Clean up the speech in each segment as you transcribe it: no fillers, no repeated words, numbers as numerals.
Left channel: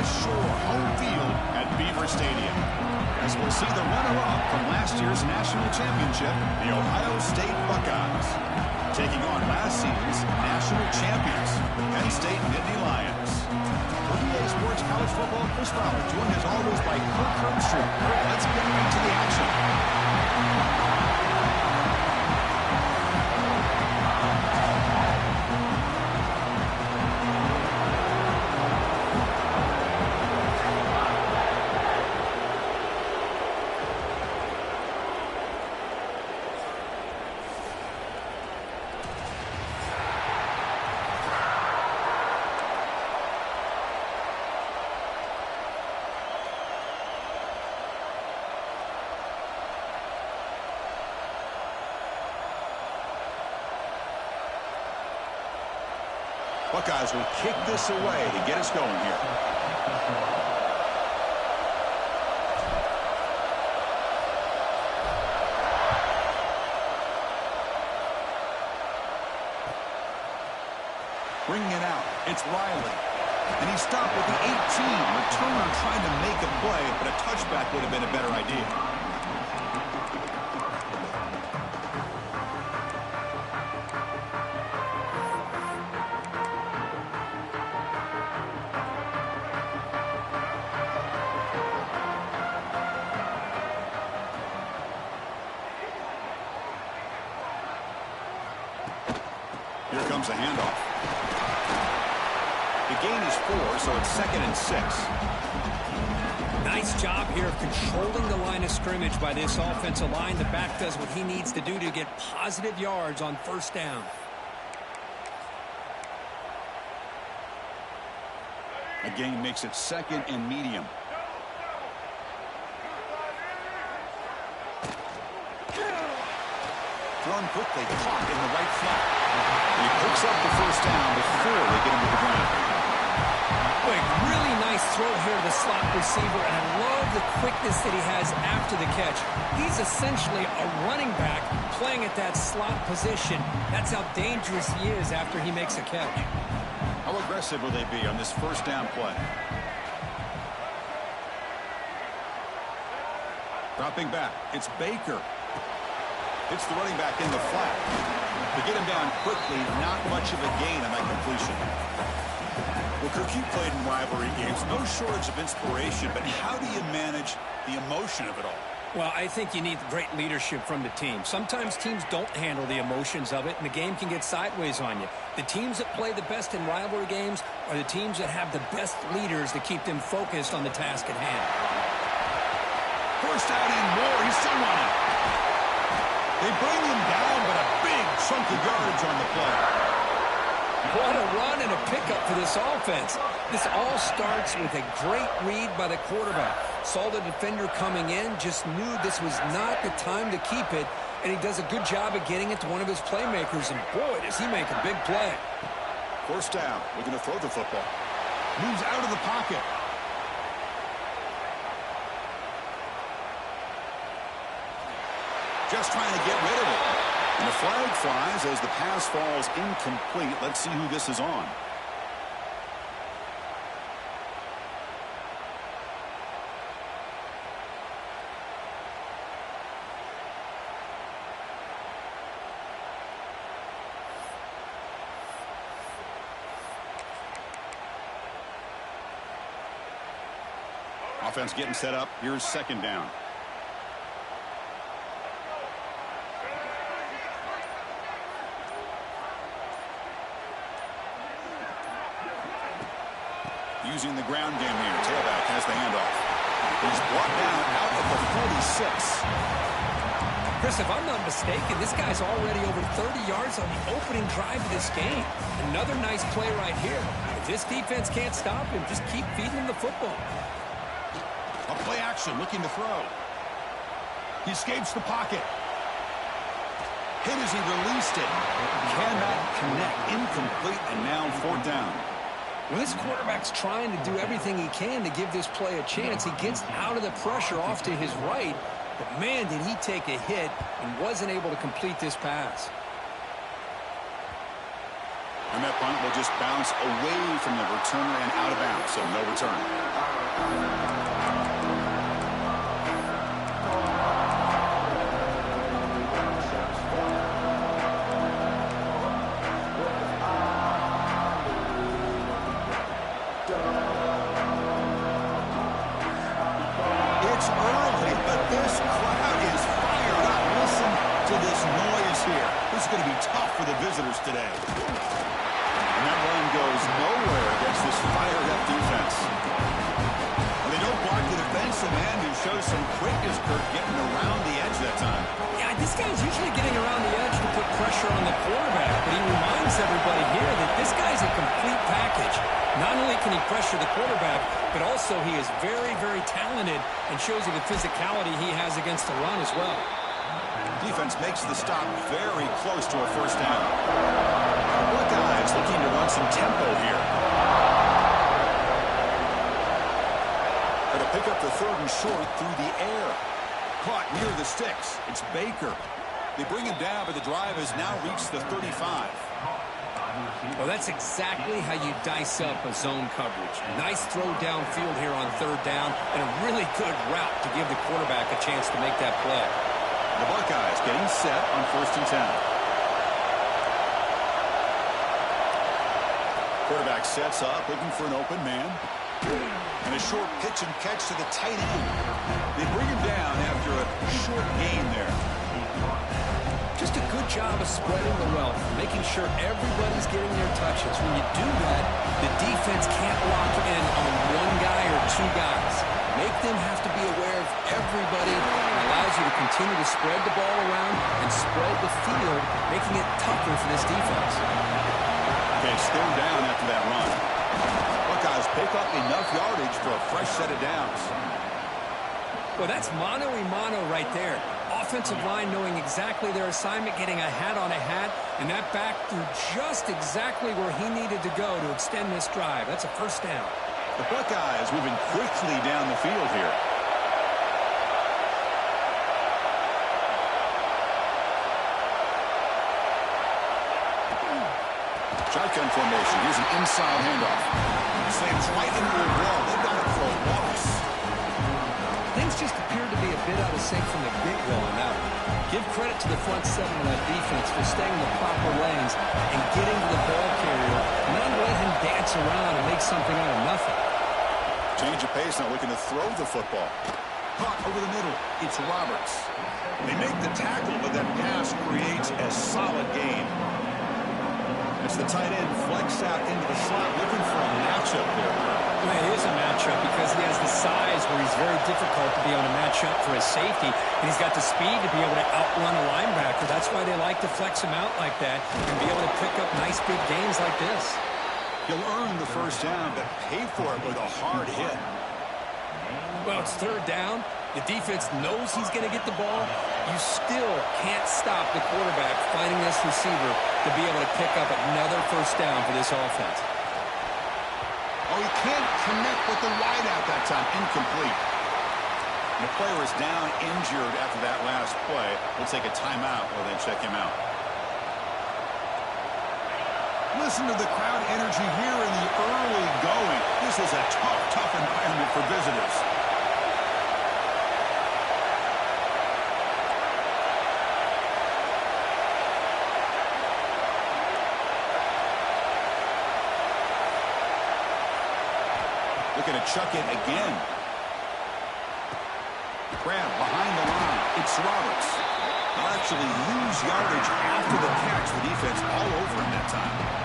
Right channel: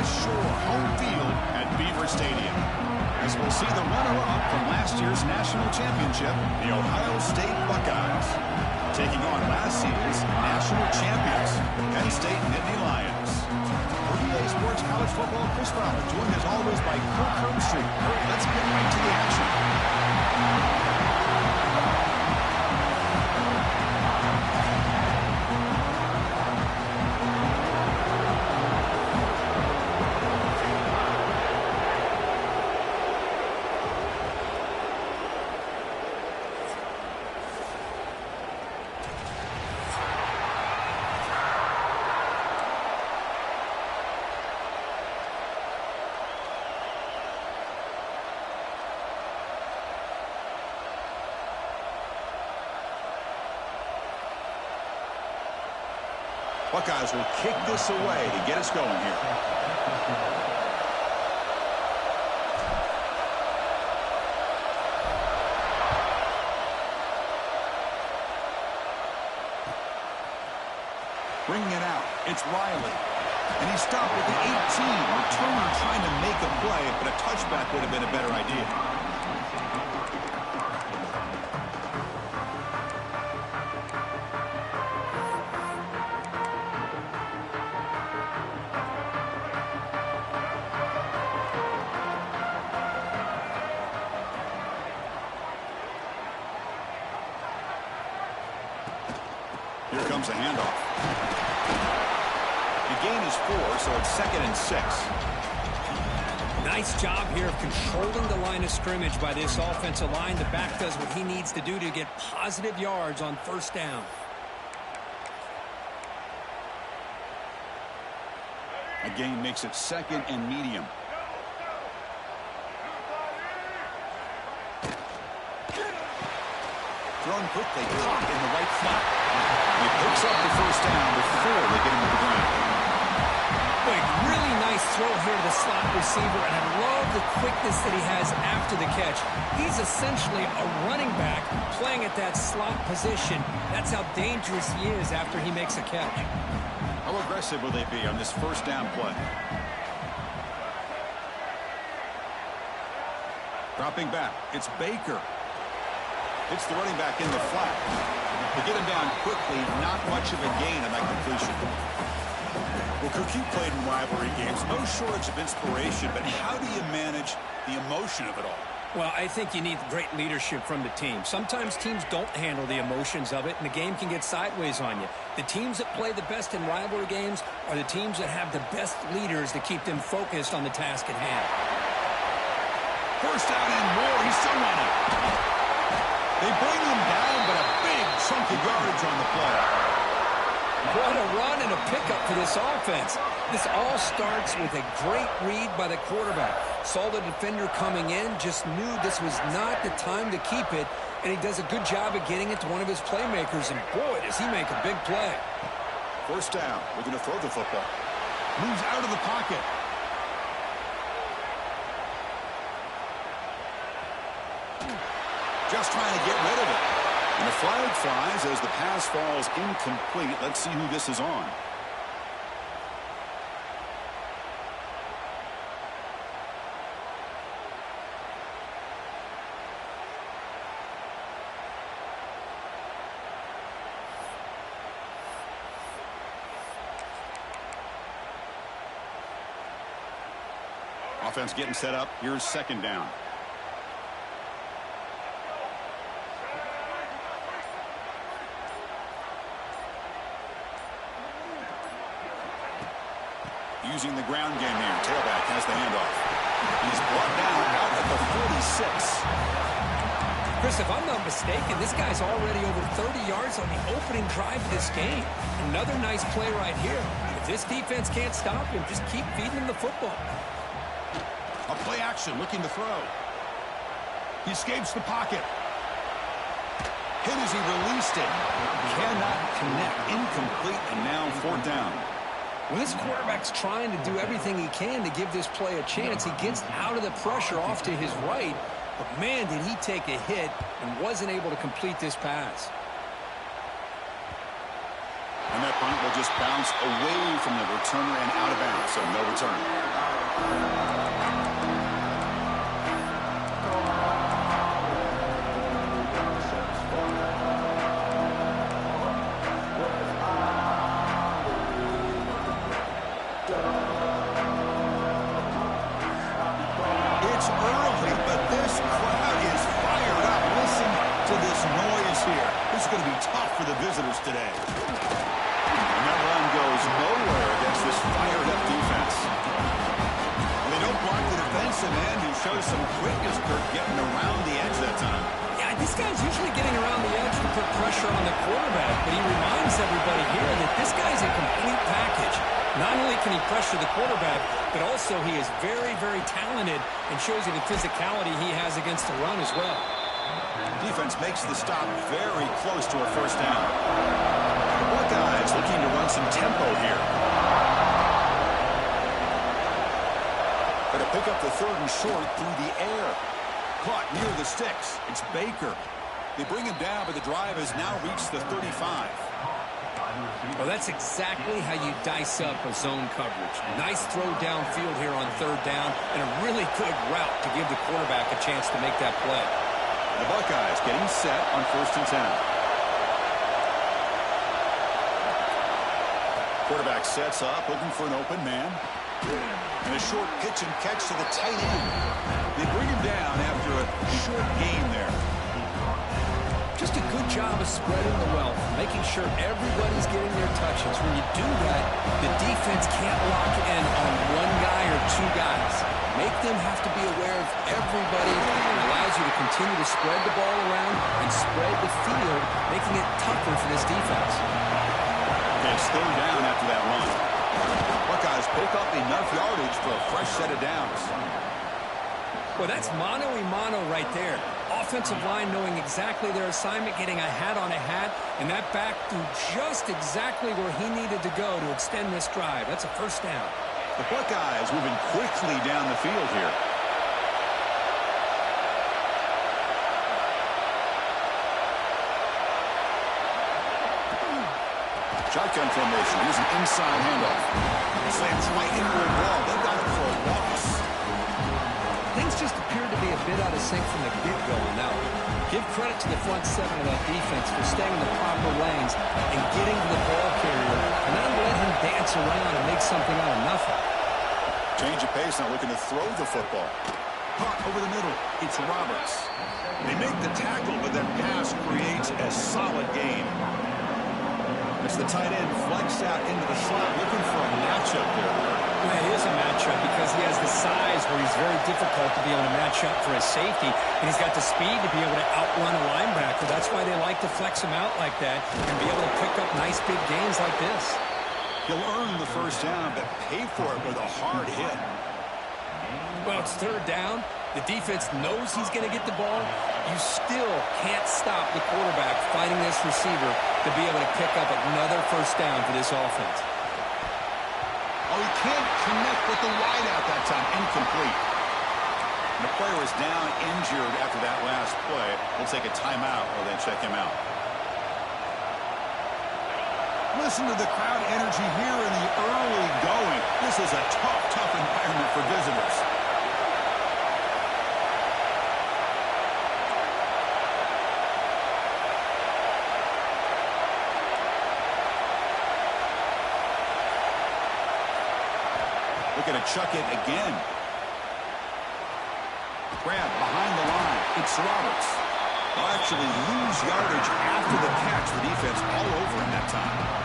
West Shore home field at Beaver Stadium. As we'll see the runner-up from last year's national championship, the Ohio State Buckeyes, taking on last season's national champions, Penn State Nittany Lions. For EA Sports College Football, Chris Fowler, joined as always by Kirk Herbstreit. Kirk, let's get right to the action. Buckeyes will kick this away to get us going here. Bringing it out, it's Riley. And he stopped with the 18. Returner trying to make a play, but a touchback would have been a better idea. Here comes a handoff. The gain is 4, so it's 2nd and 6. Nice job here of controlling the line of scrimmage by this offensive line. The back does what he needs to do to get positive yards on first down. A gain makes it 2nd and medium. Thrown quickly, caught in the right flat. He picks up the first down before they get him to the ground. Boy, really nice throw here to the slot receiver, and I love the quickness that he has after the catch. He's essentially a running back playing at that slot position. That's how dangerous he is after he makes a catch. How aggressive will they be on this first down play? Dropping back, it's Baker. It's the running back in the flat. To get him down quickly, not much of a gain on that completion. Well, Kirk, you played in rivalry games. No shortage of inspiration, but how do you manage the emotion of it all? Well, I think you need great leadership from the team. Sometimes teams don't handle the emotions of it, and the game can get sideways on you. The teams that play the best in rivalry games are the teams that have the best leaders to keep them focused on the task at hand. First down and more. He's still running. They bring him down, but a big chunk of yardage on the play. What a run and a pickup for this offense. This all starts with a great read by the quarterback. Saw the defender coming in, just knew this was not the time to keep it, and he does a good job of getting it to one of his playmakers, and boy, does he make a big play. First down, we're going to throw the football. Moves out of the pocket. Just trying to get rid of it. And the flag flies as the pass falls incomplete. Let's see who this is on. Offense getting set up. Here's 2nd down. Using the ground game here. Tailback has the handoff. He's brought down out at the 46. Chris, if I'm not mistaken, this guy's already over 30 yards on the opening drive of this game. Another nice play right here. If this defense can't stop him, just keep feeding him the football. A play action, looking to throw. He escapes the pocket. Hit as he released it. Cannot connect. Incomplete, and now 4th down. Well, this quarterback's trying to do everything he can to give this play a chance. He gets out of the pressure off to his right, but man, did he take a hit and wasn't able to complete this pass. And that punt will just bounce away from the returner and out of bounds, so no return. It's early, but this crowd is fired up. Listen to this noise here. This is going to be tough for the visitors today. And that run goes nowhere against this fired-up defense. Well, they don't block the defensive end, who shows some quickness, Kirk, getting around the edge that time. Yeah, this guy's usually getting around the edge to put pressure on the quarterback, but he reminds everybody here that this guy's a complete package. Not only can he pressure the quarterback, but also he is very, very talented and shows you the physicality he has against the run as well. Defense makes the stop very close to a first down. The Buckeyes looking to run some tempo here. Going to pick up the 3rd and short through the air. Caught near the sticks. It's Baker. They bring him down, but the drive has now reached the 35. Well, that's exactly how you dice up a zone coverage. Nice throw downfield here on 3rd down, and a really good route to give the quarterback a chance to make that play. The Buckeyes getting set on 1st and 10. Quarterback sets up, looking for an open man. And a short pitch and catch to the tight end. They bring him down after a short gain there. Just a good job of spreading the wealth, making sure everybody's getting their touches. When you do that, the defense can't lock in on one guy or two guys. Make them have to be aware of everybody. It allows you to continue to spread the ball around and spread the field, making it tougher for this defense. Okay, it's 3rd down after that run. Buckeyes pick up enough yardage for a fresh set of downs. Well, that's mano-a-mano right there. Offensive line knowing exactly their assignment, getting a hat on a hat, and that back threw just exactly where he needed to go to extend this drive. That's a first down. The Buckeyes moving quickly down the field here. Shotgun formation. Here's an inside handoff. Slams right into a wall. They've got it for a loss. Things just appeared to be a bit out of sync from the get-go on that one. Give credit to the front 7 of that defense for staying in the proper lanes and getting to the ball carrier, not let him dance around and make something out of nothing. Change of pace, not looking to throw the football. Caught over the middle. It's Roberts. They make the tackle, but that pass creates a solid gain. It's the tight end flexed out into the slot, looking for a matchup there. Well, it is a matchup because he has the size where he's very difficult to be on a matchup for his safety, and he's got the speed to be able to outrun a linebacker. That's why they like to flex him out like that and be able to pick up nice big gains like this. He'll earn the first down, but pay for it with a hard hit. Well, it's 3rd down. The defense knows he's going to get the ball. You still can't stop the quarterback finding this receiver to be able to pick up another first down for this offense. Oh, he can't connect with the wideout that time. Incomplete. And the player is down injured after that last play. We'll take a timeout or then check him out. Listen to the crowd energy here in the early going. This is a tough environment for visitors. Looking to chuck it again. Grab behind the line. It's Roberts. They'll actually lose yardage after the catch. The defense all over him that time.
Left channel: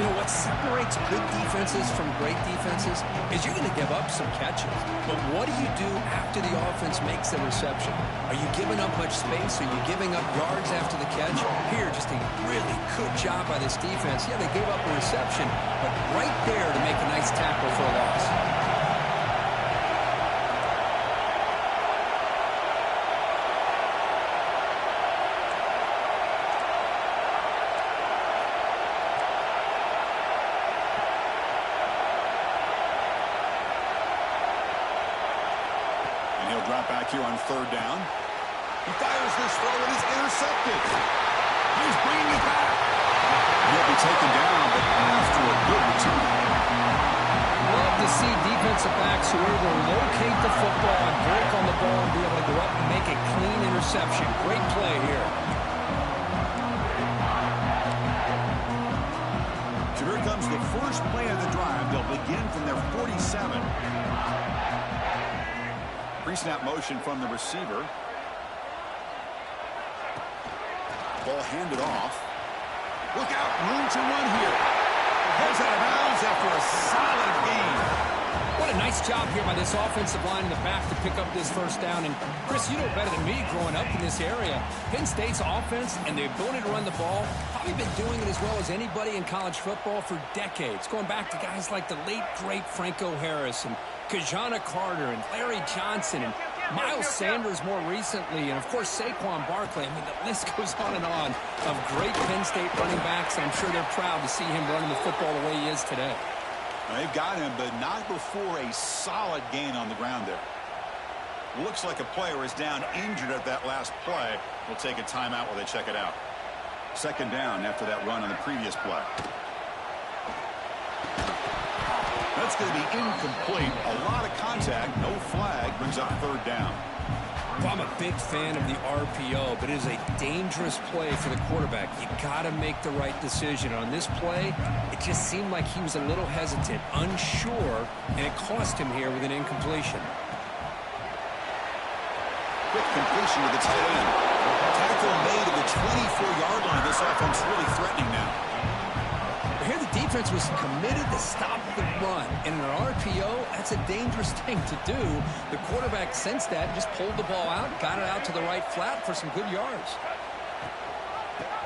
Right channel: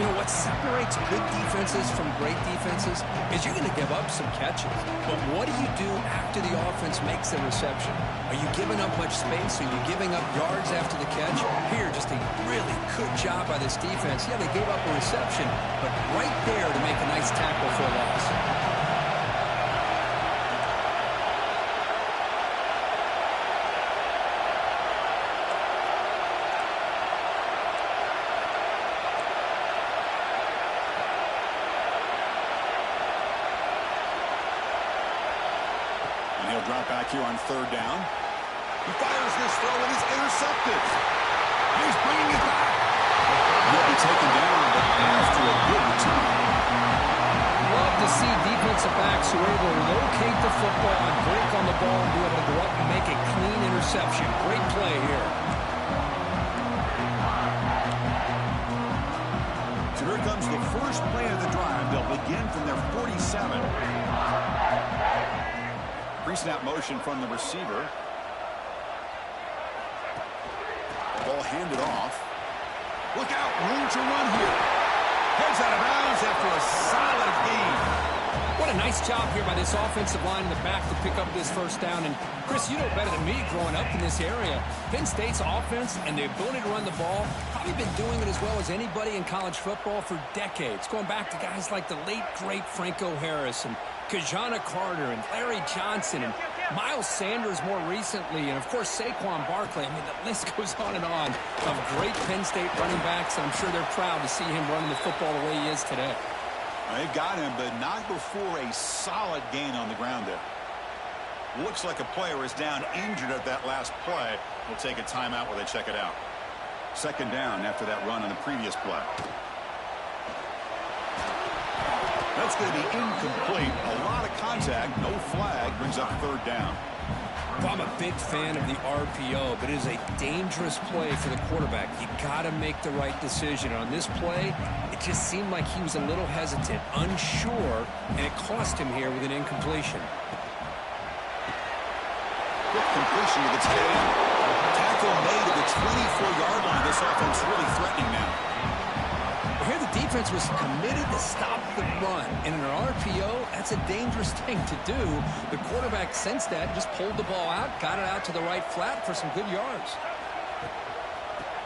You know, what separates good defenses from great defenses is you're going to give up some catches. But what do you do after the offense makes a reception? Are you giving up much space? Are you giving up yards after the catch? Here, just a really good job by this defense. Yeah, they gave up a reception, but right there to make a nice tackle for a loss. He'll drop back here on 3rd down. He fires this throw and is intercepted. He's bringing it back. He'll be taken down, but after a good return. Love to see defensive backs who are able to locate the football and break on the ball and be able to go up and make a clean interception. Great play here. So here comes the first play of the drive. They'll begin from their 47. Pre-snap motion from the receiver. Ball handed off. Look out, room to run here. Heads out of bounds after a solid gain. What a nice job here by this offensive line in the back to pick up this first down. And, Chris, you know better than me growing up in this area. Penn State's offense and the ability to run the ball, probably been doing it as well as anybody in college football for decades, going back to guys like the late, great Franco Harris and Kajana Carter and Larry Johnson and Miles Sanders more recently, and, of course, Saquon Barkley. I mean, the list goes on and on of great Penn State running backs, and I'm sure they're proud to see him running the football the way he is today. They've got him, but not before a solid gain on the ground there. Looks like a player is down injured at that last play. We'll take a timeout while they check it out. Second down after that run on the previous play. That's going to be incomplete. A lot of contact. No flag. Brings up third down. Well, I'm a big fan of the RPO, but it is a dangerous play for the quarterback. You got to make the right decision. On this play, it just seemed like he was a little hesitant, unsure, and it cost him here with an incompletion. Quick completion to the tight end. Tackle made at the 24-yard line. This offense really threatening now. Here the defense was committed to stop the run. And in an RPO, that's a dangerous thing to do. The quarterback sensed that and just pulled the ball out, got it out to the right flat for some good yards.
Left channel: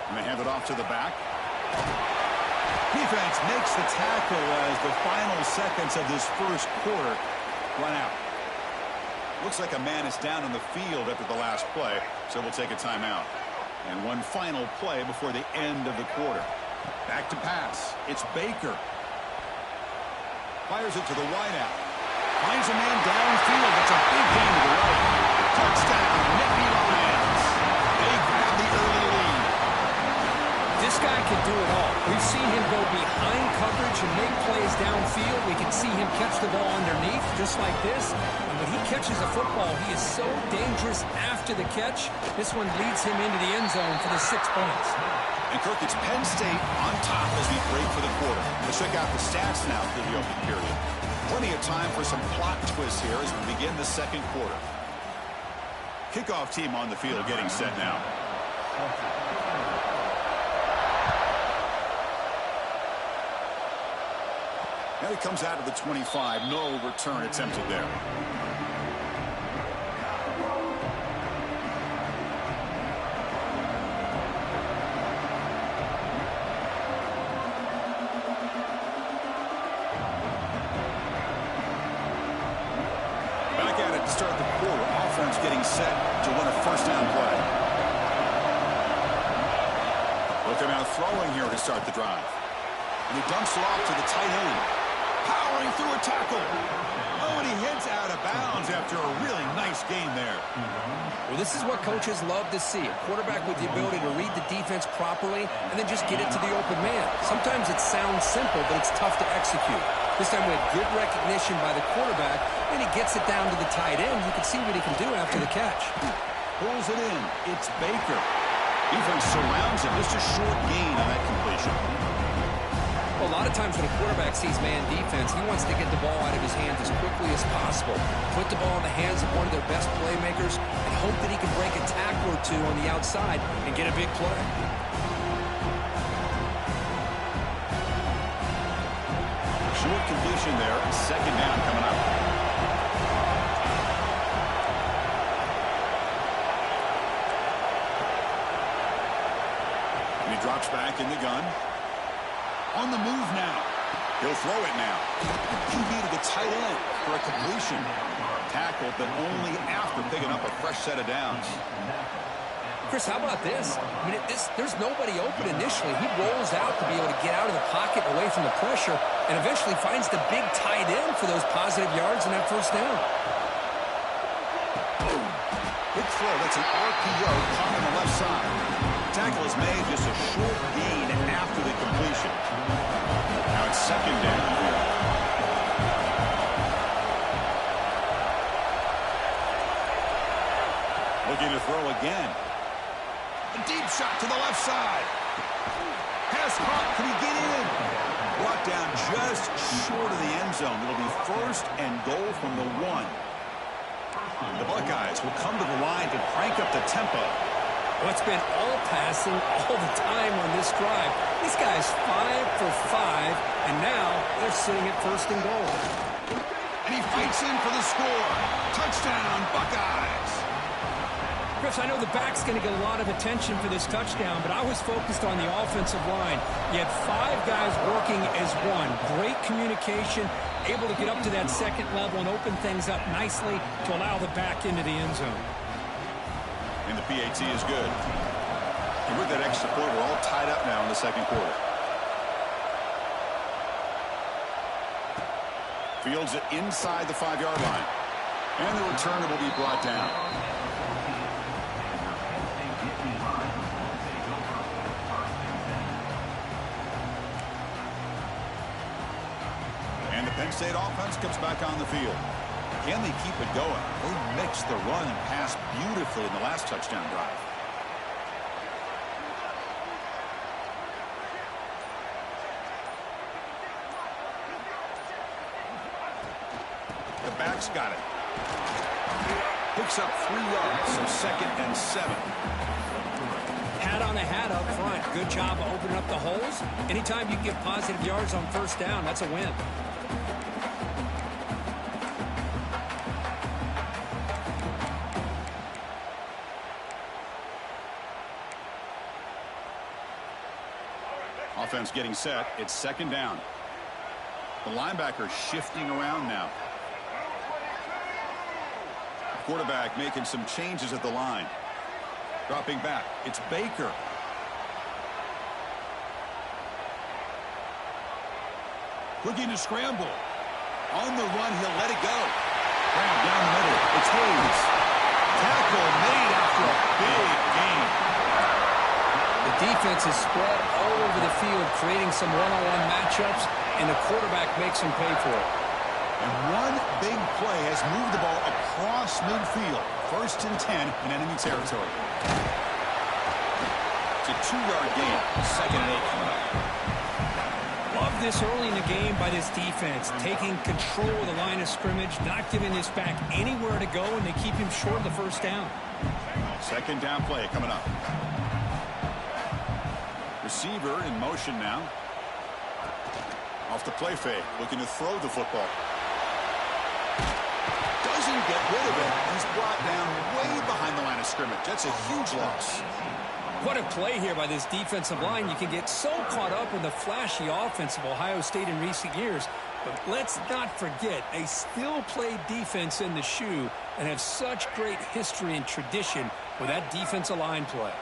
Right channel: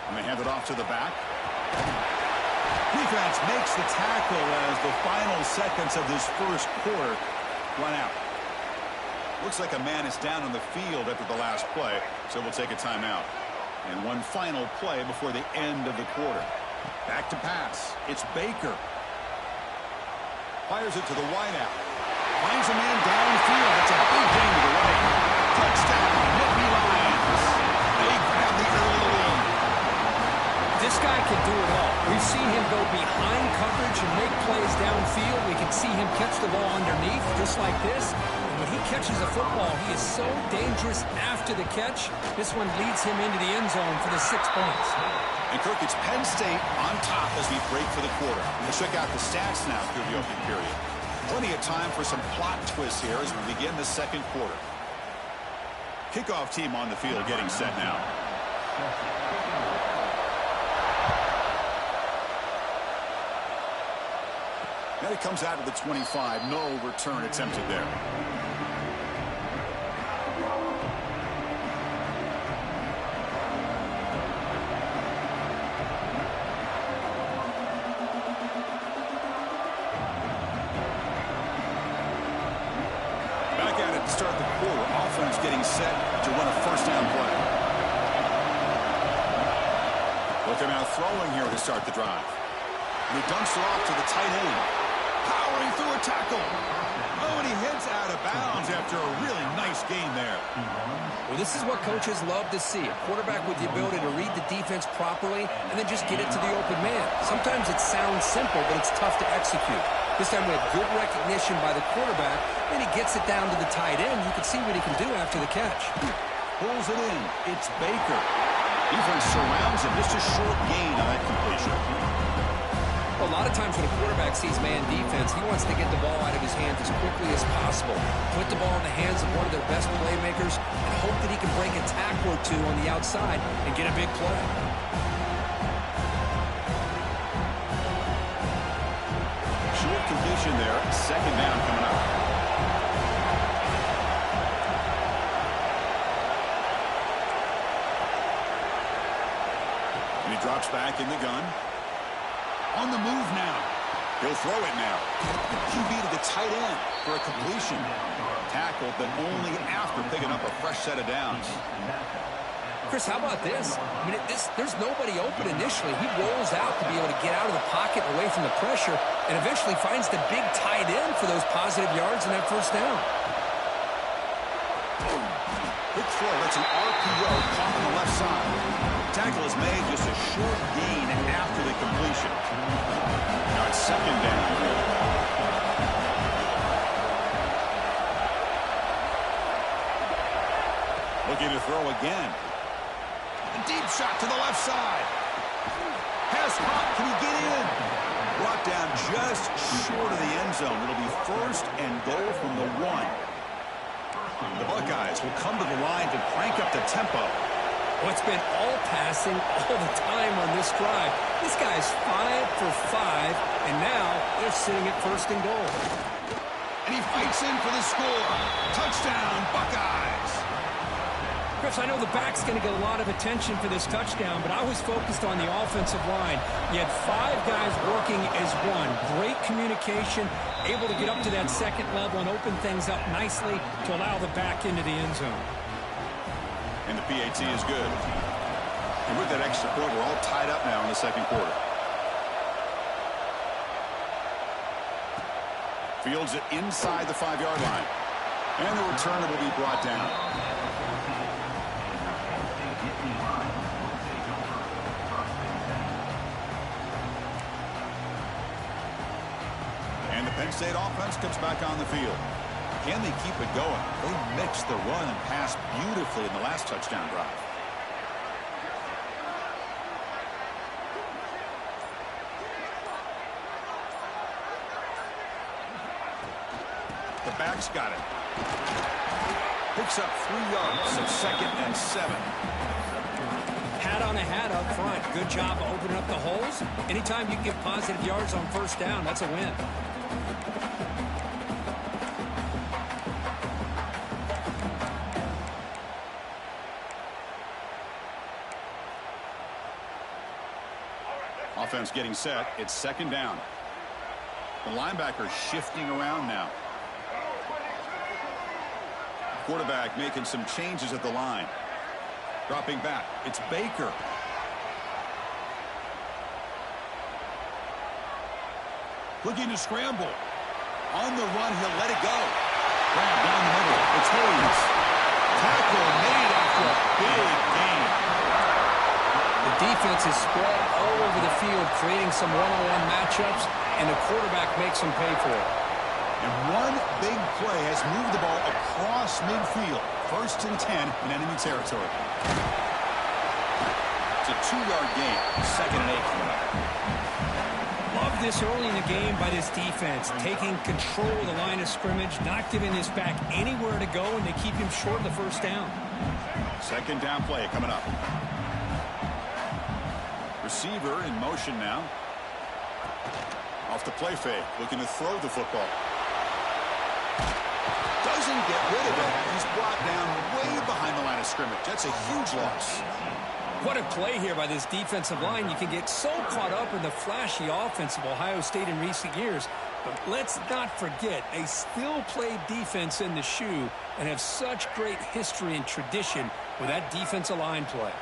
And they hand it off to the back. Defense makes the tackle as the final seconds of this first quarter run out. Looks like a man is down on the field after the last play, so we'll take a timeout. And one final play before the end of the quarter. Back to pass. It's Baker. Fires it to the wideout. Finds a man downfield. That's a big gain to the right. Touchdown, Nittany Lions. They grab the early lead. This guy can do it all. We've seen him go behind coverage and make plays downfield. We can see him catch the ball underneath, just like this. And when he catches a football, he is so dangerous after the catch. This one leads him into the end zone for the 6 points. And, Kirk, it's Penn State on top as we break for the quarter. Let's check out the stats now through the opening period. Plenty of time for some plot twists here as we begin the second quarter. Kickoff team on the field getting set now. And it comes out of the 25. No return attempted there. Back at it to start the quarter. Offense getting set to run a first down play. Look, they're now throwing here to start the drive. And he dumps it off to the tight end. Powering through a tackle. Oh, and he heads out of bounds after a really nice game there. Well, this is what coaches love to see. A quarterback with the ability to read the defense properly and then just get it to the open man. Sometimes it sounds simple, but it's tough to execute. This time we have good recognition by the quarterback, and he gets it down to the tight end. You can see what he can do after the catch. Pulls it in. It's Baker. Defense surrounds him. Just a short gain on that completion. Well, a lot of times when a quarterback sees man defense, he wants to get the ball out of his hands as quickly as possible, put the ball in the hands of one of their best playmakers, and hope that he can break a tackle or two on the outside and get a big play. Short completion there. Second down coming up. And he drops back in the gun. On the move now. He'll throw it now. QB to the tight end for a completion. Tackled, but only after picking up a fresh set of downs. Chris, how about this? I mean, there's nobody open initially. He rolls out to be able to get out of the pocket away from the pressure and eventually finds the big tight end for those positive yards in that first down. Boom. Big throw. That's an RPO caught on the left side. tackle is made, just a short gain after the completion. Now it's second down here. Looking to throw again. A deep shot to the left side. Has caught. Can he get in? Brought down just short of the end zone. It'll be first and goal from the 1. The Buckeyes will come to the line to crank up the tempo. Well, it's been all passing all the time on this drive. This guy's 5 for 5, and now they're sitting at first and goal. And he fights in for the score. Touchdown, Buckeyes. Chris, I know the back's going to get a lot of attention for this touchdown, but I was focused on the offensive line. You had 5 guys working as one. Great communication, able to get up to that second level and open things up nicely to allow the back into the end zone. And the PAT is good. And with that extra point, we're all tied up now in the second quarter. Fields it inside the 5-yard line. And the returner will be brought down. And the Penn State offense comes back on the field. Can they keep it going? They mixed the run and pass beautifully in the last touchdown drive. The back's got it. Picks up 3 yards, so second and 7. Hat on a hat up front. Good job of opening up the holes. Anytime you can get positive yards on first down, that's a win. Offense getting set. It's second down. The linebacker shifting around now. Quarterback making some changes at the line. Dropping back. It's Baker. Looking to scramble. On the run, he'll let it go. Grab down the middle. It's Hayes. Tackle made after a big gain. The defense is spread all over the field, creating some one-on-one matchups, and the quarterback makes them pay for it. And one big play has moved the ball across midfield. First and 10 in enemy territory. It's a 2-yard gain. Second and 8 coming up. Love this early in the game by this defense, taking control of the line of scrimmage, not giving this back anywhere to go, and they keep him short of the first down. Second down play coming up. Receiver in motion now. Off the play fake, looking to throw the football. Doesn't get rid of it. He's brought down way behind the line of scrimmage. That's a huge loss. What a play here by this defensive line. You can get so caught up in the flashy offense of Ohio State in recent years, but let's not forget, they still play defense in the shoe and have such great history and tradition with that defensive line play.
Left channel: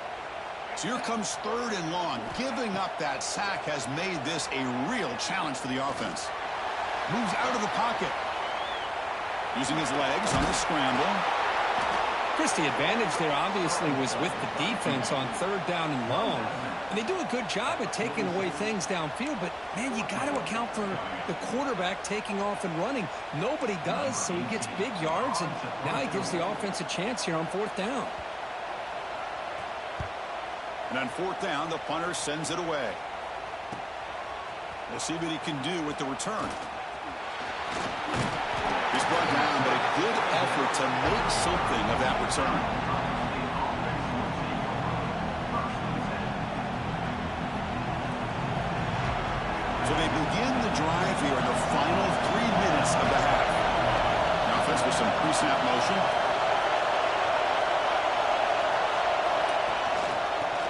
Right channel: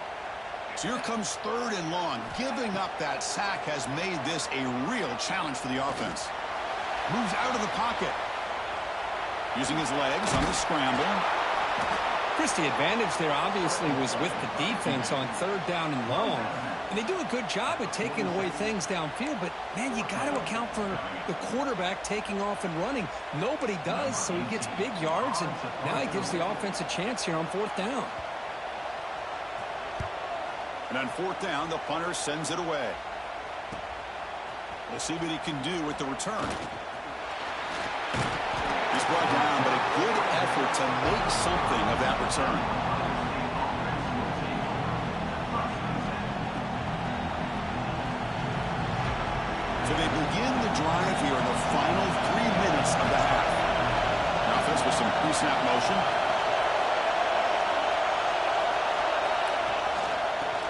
So here comes third and long. Giving up that sack has made this a real challenge for the offense. Moves out of the pocket. Using his legs on the scramble. Chris, the advantage there obviously was with the defense on third down and long. And they do a good job at taking away things downfield, but, man, you got to account for the quarterback taking off and running. Nobody does, so he gets big yards, and now he gives the offense a chance here on fourth down. And on fourth down, the punter sends it away. We'll see what he can do with the return. He's brought down, but a good effort to make something of that return. So they begin the drive here in the final 3 minutes of the half. The offense with some pre-snap motion.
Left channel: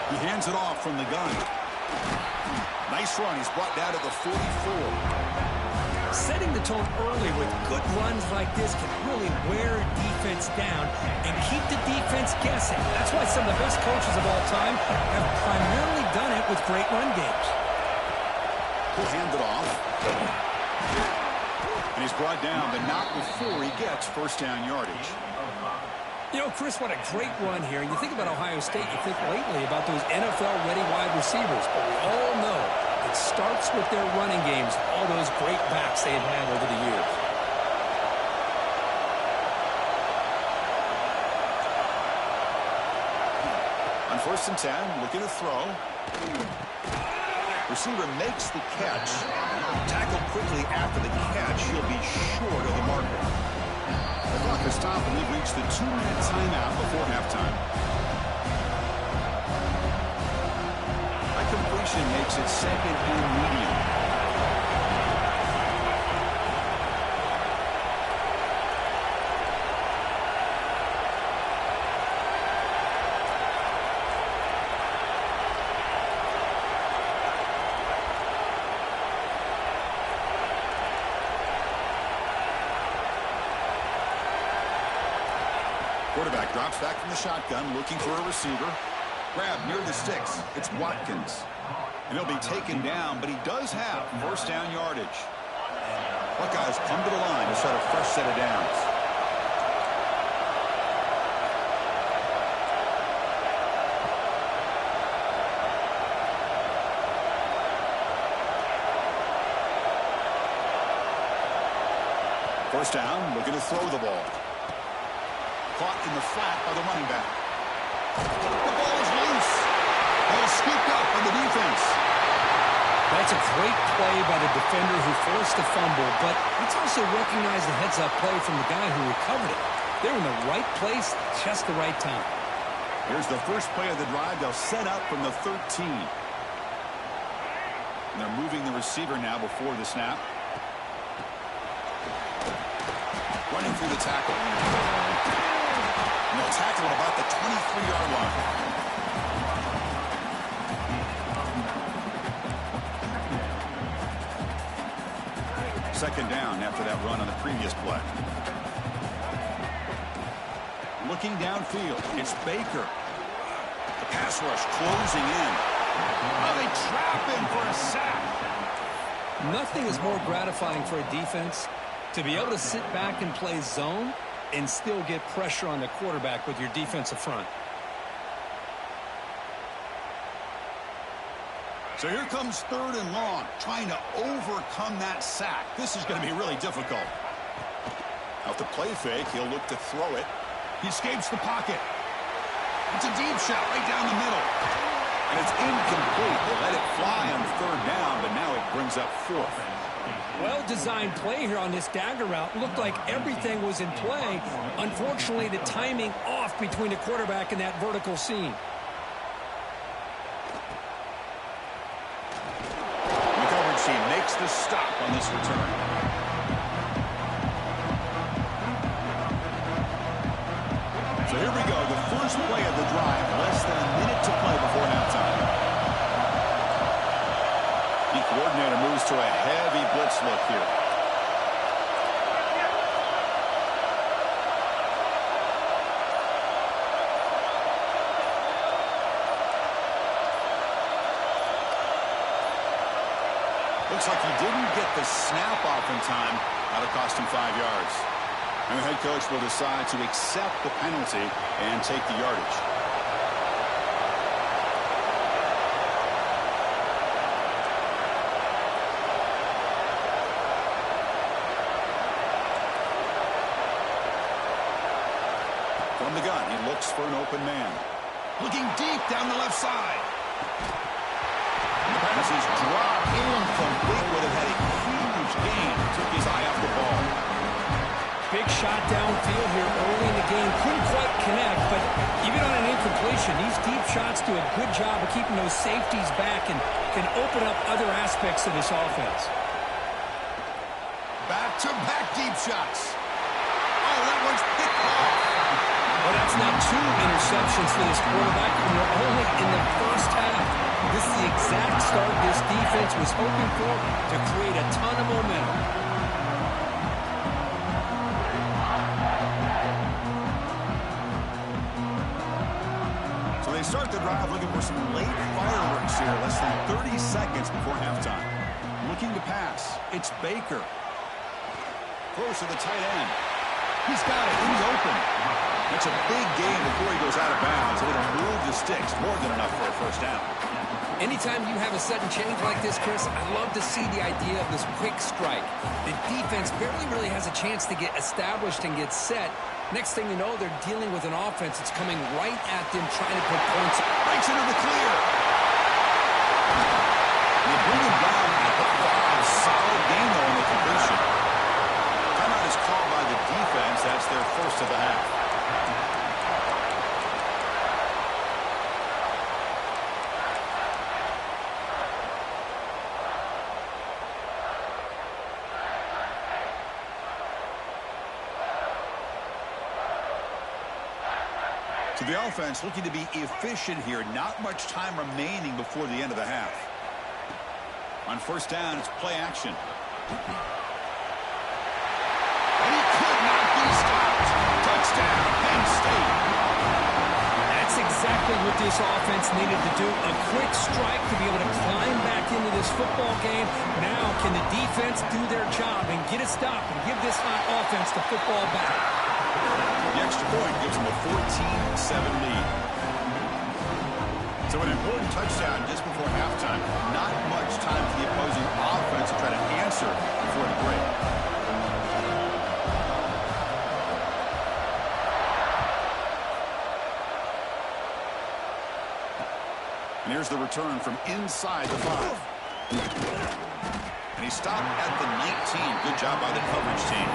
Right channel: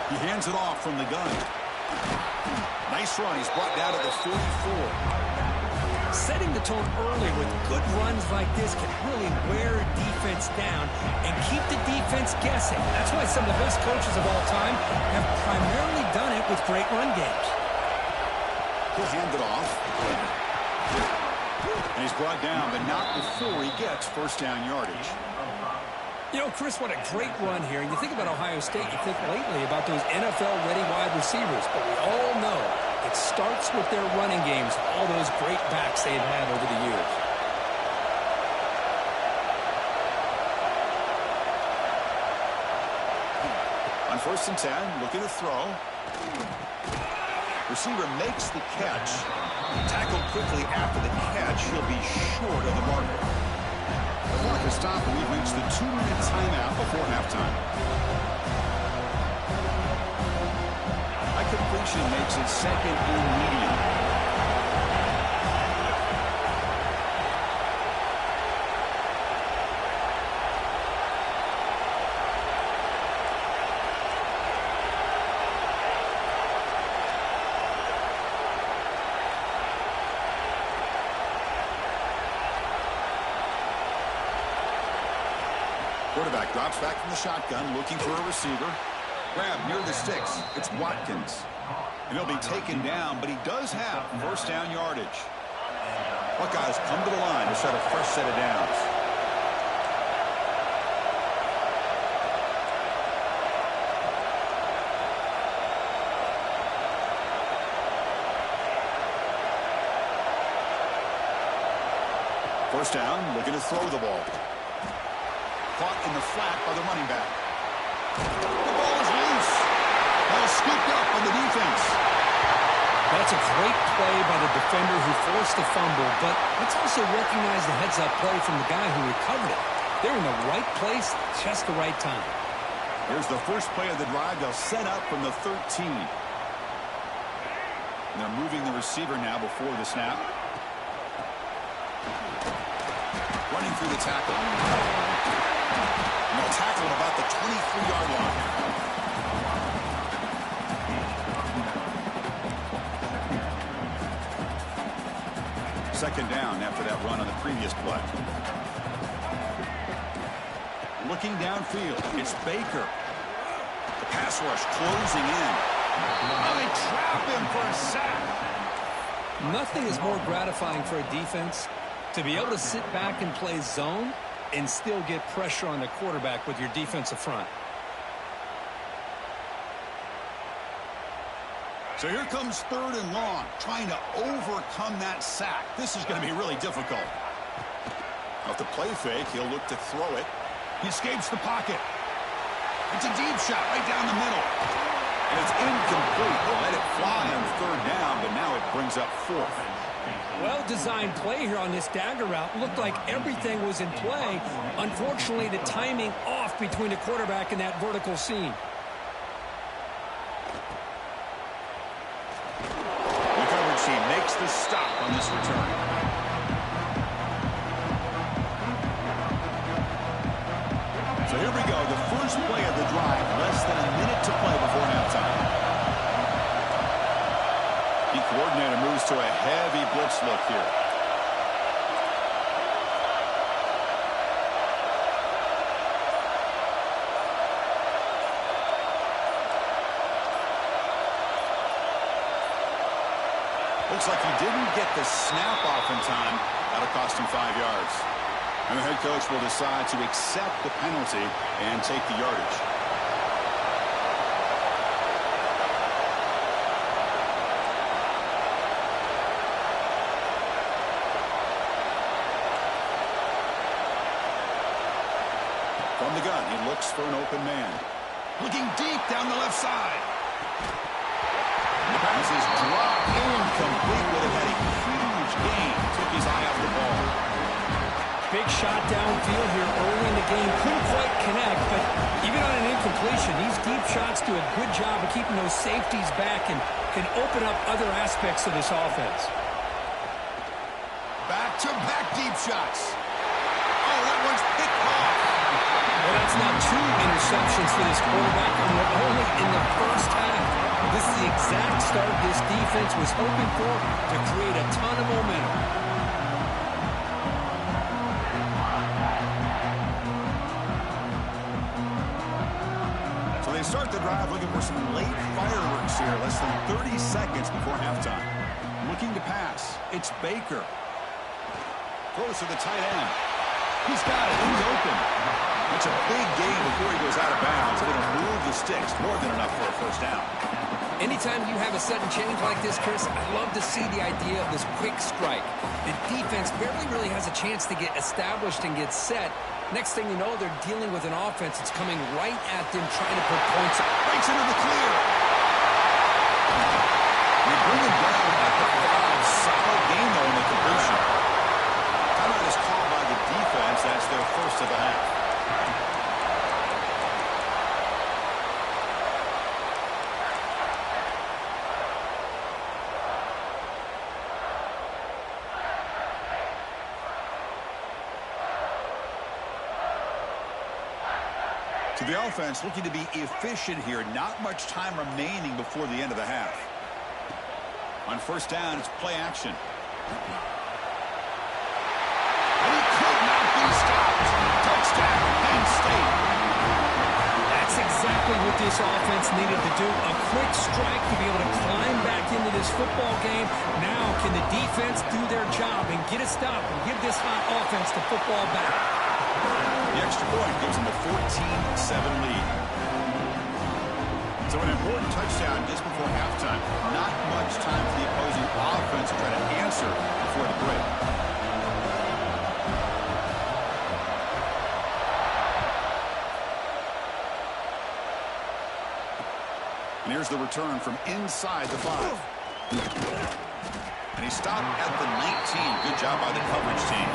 He hands it off from the gun. Nice run. He's brought down to the 44. Setting the tone early with good runs like this can really wear a defense down and keep the defense guessing. That's why some of the best coaches of all time have primarily done it with great run games. He'll hand it off. And he's brought down, but not before he gets first down yardage. You know, Chris, what a great run here. And you think about Ohio State, you think lately about those NFL-ready wide receivers. But we all know it starts with their running games, all those great backs they've had over the years. On 1st and 10, looking to throw. Receiver makes the catch. Tackled quickly after the catch. He'll be short of the marker. The clock has stopped, and we've reached the 2-minute timeout before halftime. A completion makes it 2nd and medium. Quarterback drops back from the shotgun, looking for a receiver. Grab near the sticks. It's Watkins. And he'll be taken down, but he does have 1st down yardage. Buckeyes come to the line to start a fresh set of downs. First down, looking to throw the ball. Caught in the flat by the running back. The ball is loose. Ball scooped up by the defense. That's a great play by the defender who forced the fumble, but let's also recognize the heads-up play from the guy who recovered it. They were in the right place, just the right time. Here's the first play of the drive. They'll set up from the 13. And they're moving the receiver now before the snap. Running through the tackle. And they'll tackle him about the 23-yard line. Second down after that run on the previous play. Looking downfield, it's Baker. The pass rush closing in. Oh, they trap him for a sack. Nothing is more gratifying for a defense to be able to sit back and play zone and still get pressure on the quarterback with your defensive front. So here comes 3rd and long, trying to overcome that sack. This is going to be really difficult. Out the play fake, he'll look to throw it. He escapes the pocket. It's a deep shot right down the middle. And it's incomplete. They let it fly on 3rd down, but now it brings up 4th. Well-designed play here on this dagger route. Looked like everything was in play. Unfortunately, the timing off between the quarterback and that vertical seam. The coverage team makes the stop on this return. So here we go. The first play of the drive. Less than a minute to play before halftime. The coordinator moves to a heavy blitz look here. Looks like he didn't get the snap off in time. That'll cost him 5 yards. And the head coach will decide to accept the penalty and take the yardage. From the gun, he looks for an open man. Looking deep down the left side. And the pass is dropped incomplete. Would have had a huge gain. Took his eye off the ball. Big shot downfield here early in the game. Couldn't quite connect, but even on an incompletion, these deep shots do a good job of keeping those safeties back and can open up other aspects of this offense. Back-to-back deep shots. Oh, that one's picked off. Well, that's now 2 interceptions for this quarterback, and we're only in the first half. This is the exact start this defense was hoping for to create a ton of momentum. So they start the drive looking for some late fireworks here. Less than 30 seconds before halftime. Looking to pass. It's Baker. Throws to the tight end. He's got it. He's open. It's a big game before he goes out of bounds, and it'll move the sticks more than enough for a first down. Anytime you have a sudden change like this, Chris, I love to see the idea of this quick strike. The defense barely really has a chance to get established and get set. Next thing you know, they're dealing with an offense that's coming right at them, trying to put points. Breaks into the clear. They bring him down at the 5. Solid game, though, in the completion. Timeout is called by the defense. That's their first of the half. So the offense looking to be efficient here. Not much time remaining before the end of the half. On first down, it's play action. And he could not be stopped. Touchdown, Penn State. That's exactly what this offense needed to do. A quick strike to be able to climb back into this football game. Now, can the defense do their job and get a stop and give this hot offense the football back? The extra point gives them a 14-7 lead. So an important touchdown just before halftime. Not much time for the opposing offense to try to answer before the break. And here's the return from inside the 5. And he stopped at the 19. Good job by the coverage team.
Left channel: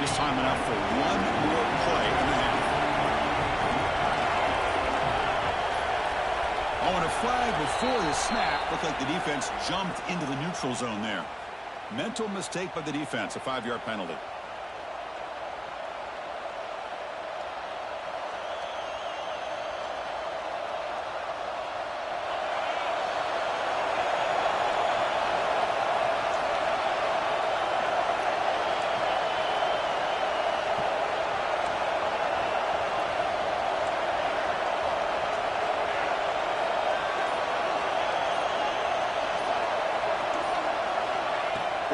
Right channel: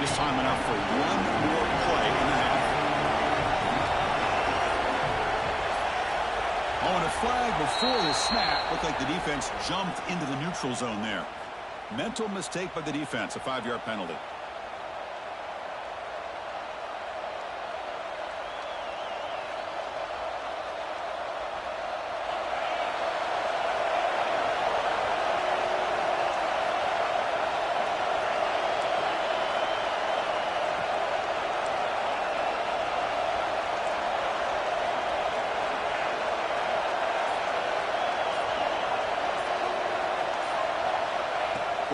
Just time enough for one more play in the half. Oh, and a flag before the snap. Looked like the defense jumped into the neutral zone there. Mental mistake by the defense, a 5-yard penalty.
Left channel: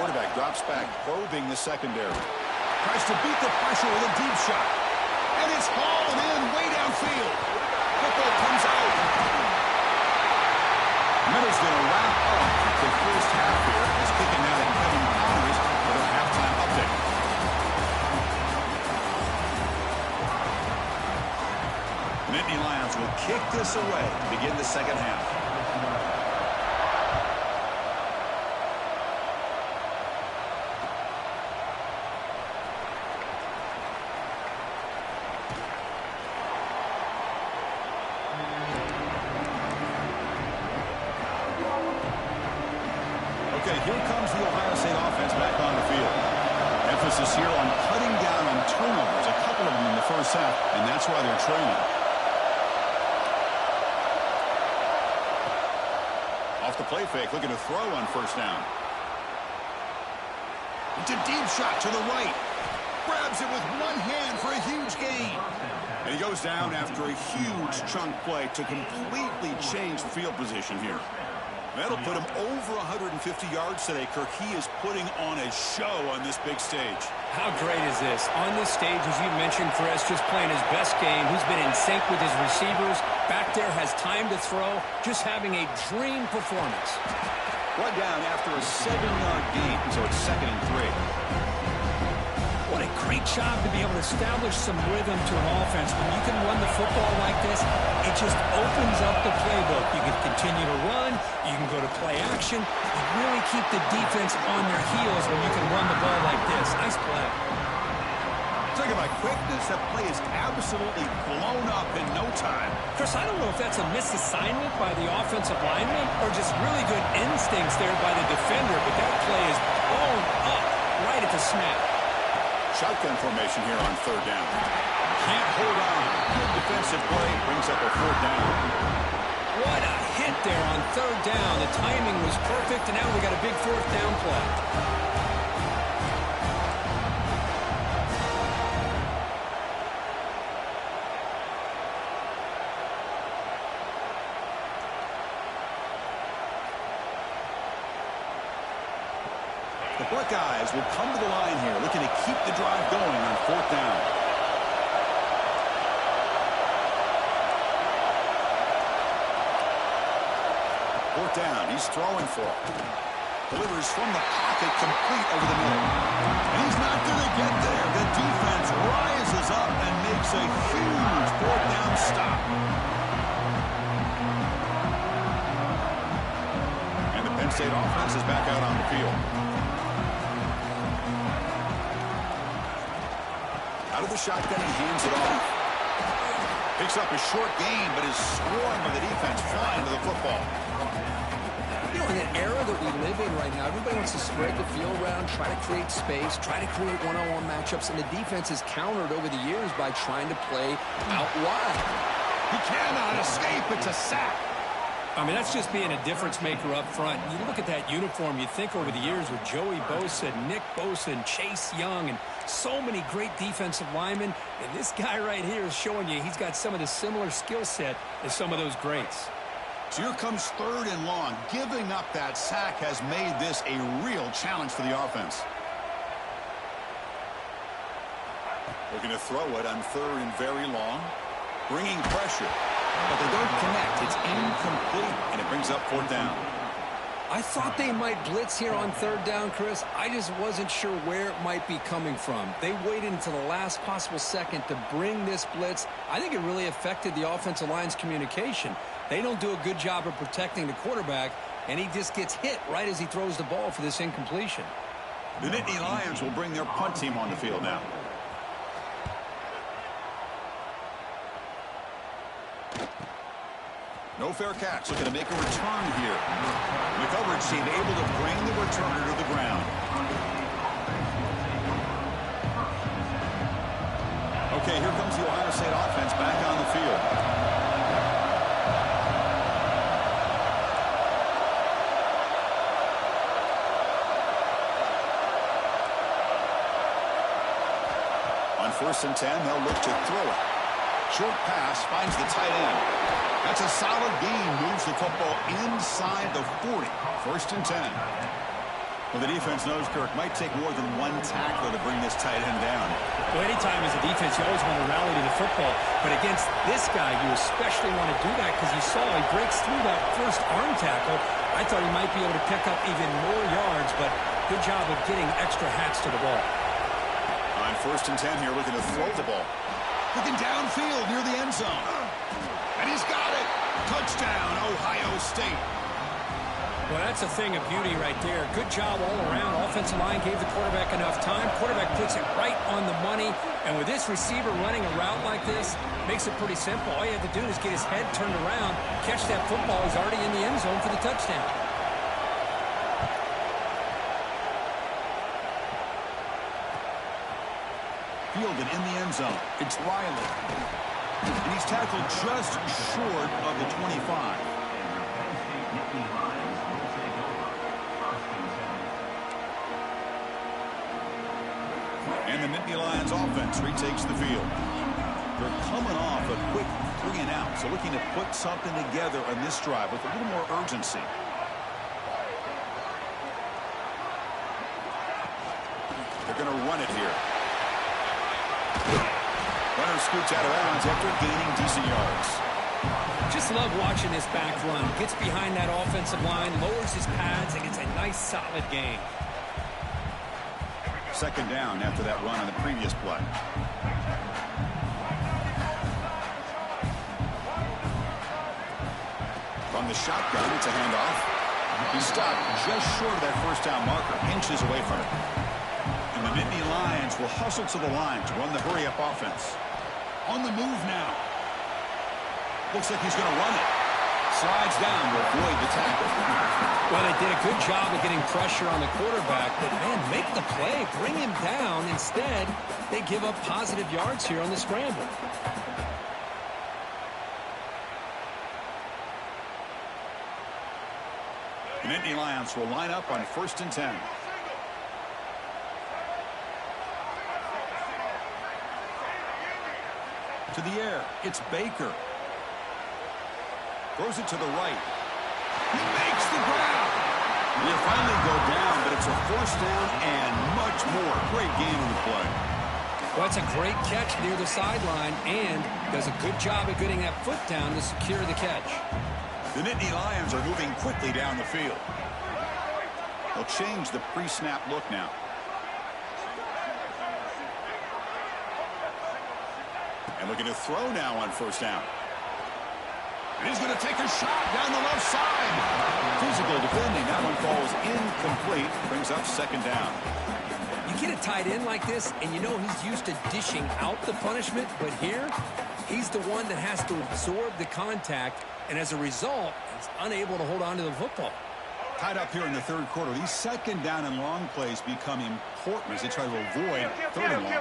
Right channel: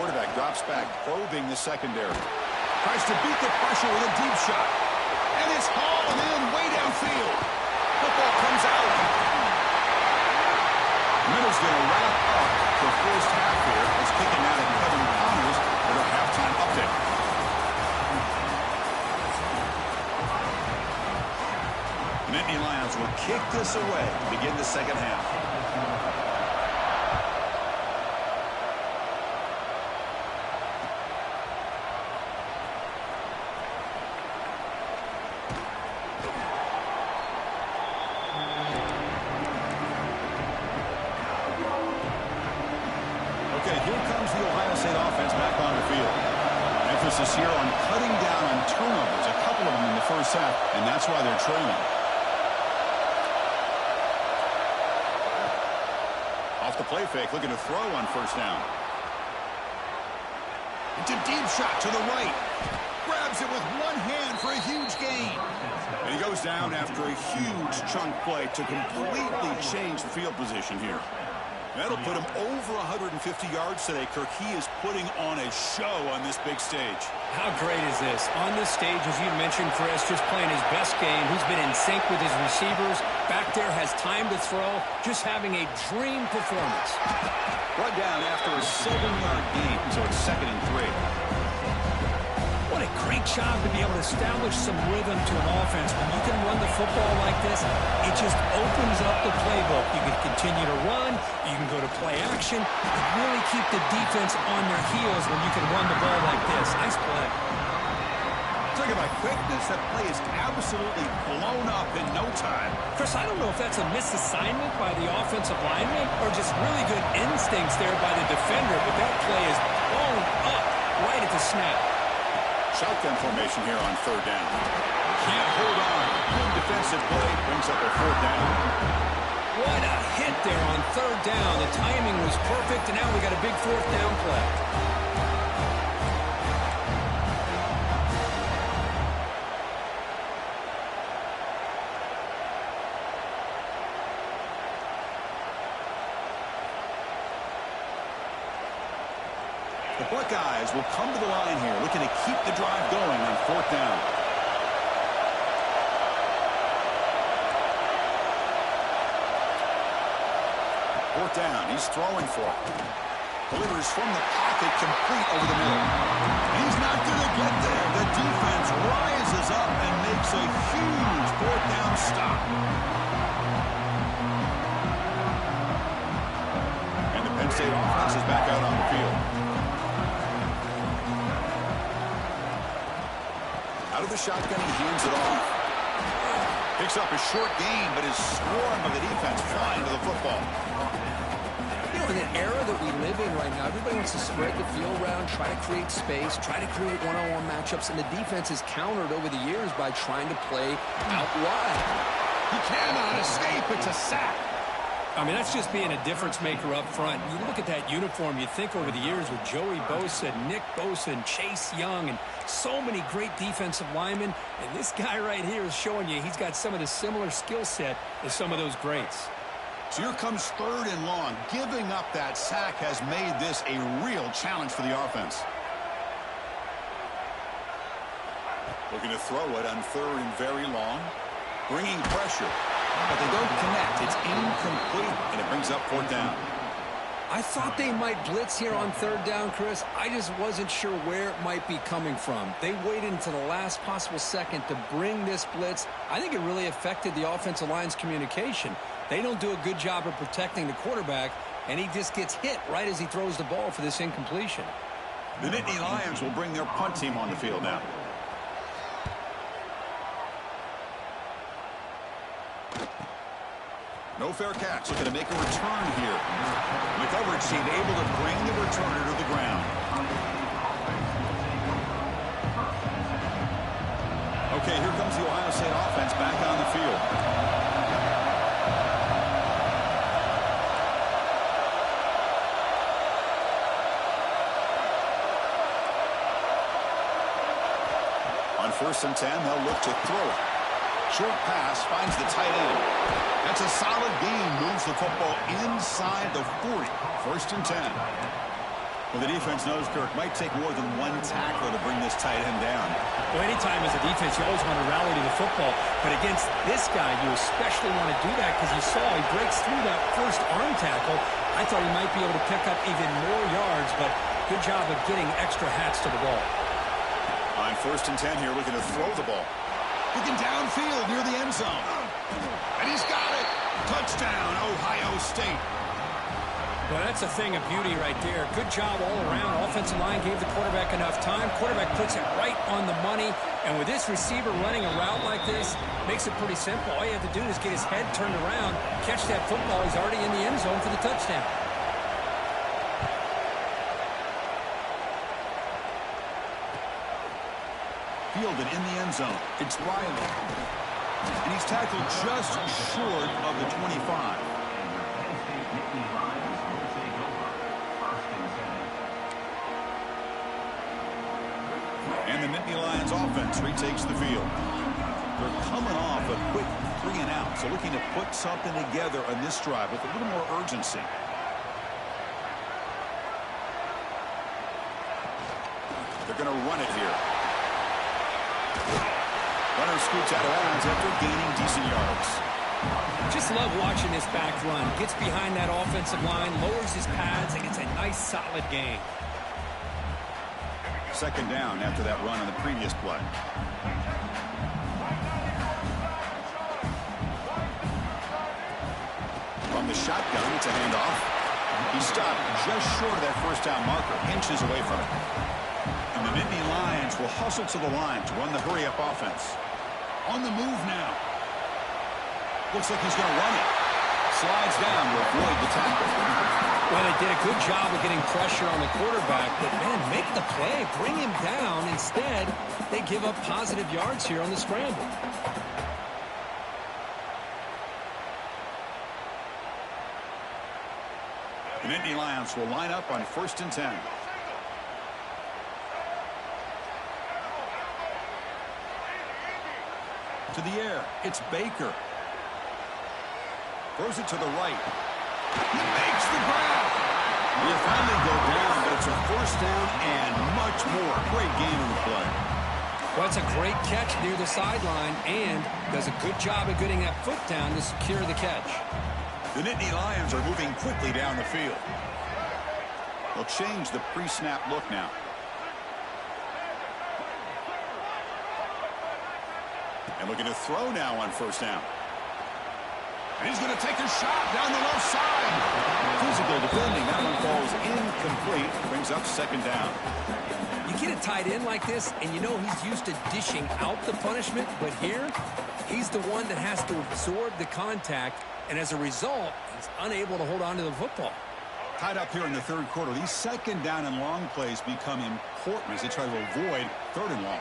Quarterback drops back, probing the secondary. Tries to beat the pressure with a deep shot. And it's hauled in way downfield. Football comes out. Miller's going to wrap up the first half here. It's kicking out at Kevin Connors with our halftime update. The Nittany Lions will kick this away to begin the second half. Okay, here comes the Ohio State offense back on the field. Emphasis here on cutting down on turnovers, a couple of them in the first half, and that's why they're trailing. Off the play fake, looking to throw on first down. It's a deep shot to the right. Grabs it with one hand for a huge gain. And he goes down after a huge chunk play to completely change the field position here. That'll put him over 150 yards today, Kirk. He is putting on a show on this big stage. How great is this? On this stage, as you mentioned, Chris, just playing his best game. He's been in sync with his receivers. Back there, has time to throw. Just having a dream performance. Brought down after a 7-yard gain, so it's 2nd and 3. What a great job to be able to establish some rhythm to an offense. When you can run the football like this, it just opens up the playbook. You can continue to run. You can go to play action. You really keep the defense on their heels when you can run the ball like this. Nice play. Talking about quickness, that play is absolutely blown up in no time. Chris, I don't know if that's a misassignment by the offensive lineman or just really good instincts there by the defender, but that play is blown up right at the snap. Shotgun formation here on 3rd down. Can't hold on. Good defensive play. Brings up a 4th down. What a hit there on 3rd down. The timing was perfect, and now we got a big 4th down play. The Buckeyes will come to the line here, looking to keep the drive going on 4th down. Fourth down, he's throwing for it. Delivers from the pocket, complete over the middle. And he's not going to get there. The defense rises up and makes a huge 4th down stop. And the Penn State offense is back out on the field. Out of the shotgun, he hands it off. Picks up a short gain, but his swarm of the defense flying to the football. You know, in the era that we live in right now, everybody wants to spread the field around, try to create space, try to create one-on-one matchups, and the defense has countered over the years by trying to play out wide. He cannot escape. It's a sack. I mean, that's just being a difference maker up front. You look at that uniform, you think over the years with Joey Bosa, Nick Bosa, and Chase Young, and so many great defensive linemen. And this guy right here is showing you he's got some of the similar skill set as some of those greats. So here comes 3rd and long. Giving up that sack has made this a real challenge for the offense. Looking to throw it on 3rd and very long. Bringing pressure. But they don't connect. It's incomplete, and it brings up 4th down. I thought they might blitz here on 3rd down, Chris. I just wasn't sure where it might be coming from. They waited until the last possible second to bring this blitz. I think it really affected the offensive line's communication. They don't do a good job of protecting the quarterback, and he just gets hit right as he throws the ball for this incompletion. The Nittany Lions will bring their punt team on the field now. No fair catch. Looking to make a return here. The coverage team able to bring the returner to the ground. Okay, here comes the Ohio State offense back on the field. On 1st and 10, they'll look to throw it. Short pass finds the tight end. That's a solid gain. Moves the football inside the 40. 1st and 10. Well, the defense knows, Kirk, might take more than one tackler to bring this tight end down. Well, anytime as a defense, you always want to rally to the football. But against this guy, you especially want to do that because you saw he breaks through that first arm tackle. I thought he might be able to pick up even more yards, but good job of getting extra hats to the ball. On 1st and 10 here, looking to throw the ball. Looking downfield near the end zone. And he's got it. Touchdown, Ohio State. Well, that's a thing of beauty right there. Good job all around. Offensive line gave the quarterback enough time. Quarterback puts it right on the money. And with this receiver running a route like this, makes it pretty simple. All you have to do is get his head turned around, catch that football. He's already in the end zone for the touchdown. Fielded in the end zone. It's Riley. And he's tackled just short of the 25. And the Nittany Lions offense retakes the field. They're coming off a quick 3-and-out, so looking to put something together on this drive with a little more urgency. They're going to run it here. Runner scoots out of bounds after gaining decent yards. Just love watching this back run. Gets behind that offensive line, lowers his pads, and gets a nice solid gain. 2nd down after that run on the previous play. From the shotgun, it's a handoff. He stopped just short of that 1st down marker, inches away from it. And the Nittany Lions will hustle to the line to run the hurry-up offense. On the move now. Looks like he's going to run it. Slides down to avoid the tackle. Well, they did a good job of getting pressure on the quarterback, but, man, make the play. Bring him down. Instead, they give up positive yards here on the scramble. The Nittany Lions will line up on 1st and 10. To the air, it's Baker. Throws it to the right. He makes the grab. He'll finally go down, but It's a first down and much more. Great game on the play. Well, it's a great catch near the sideline and does a good job of getting that foot down to secure the catch. The Nittany Lions are moving quickly down the field. They'll change the pre-snap look now. And looking to throw now on first down. And he's going to take a shot down the left side. Physical defending. That one falls incomplete. Brings up second down. You get a tight end like this, and you know he's used to dishing out the punishment, but here, he's the one that has to absorb the contact, and as a result, he's unable to hold on to the football. Tied up here in the third quarter. These second down and long plays become important as they try to avoid third and long.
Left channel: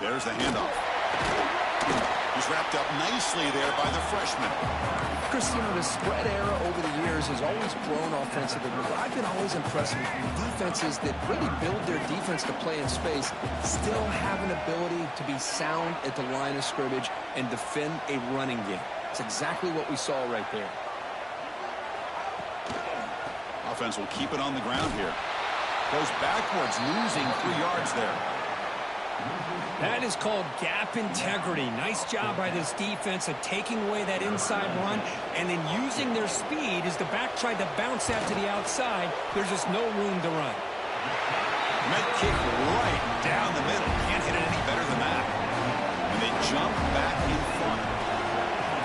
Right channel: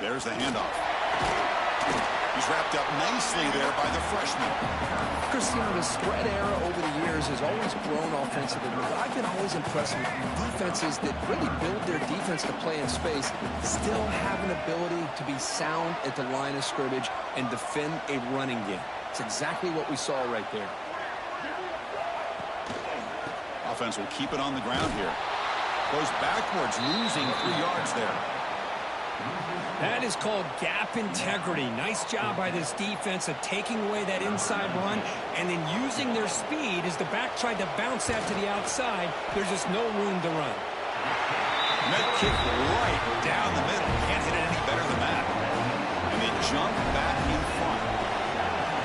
There's the handoff. He's wrapped up nicely there by the freshman. Chris, you know, the spread era over the years has always grown offensively, but I've been always impressed with defenses that really build their defense to play in space, still have an ability to be sound at the line of scrimmage and defend a running game. It's exactly what we saw right there. Offense will keep it on the ground here. Goes backwards, losing 3 yards there. That is called gap integrity. Nice job by this defense of taking away that inside run and then using their speed as the back tried to bounce that to the outside. There's just no room to run. And that kick right down the middle. Can't hit it any better than that. And they jump back in front.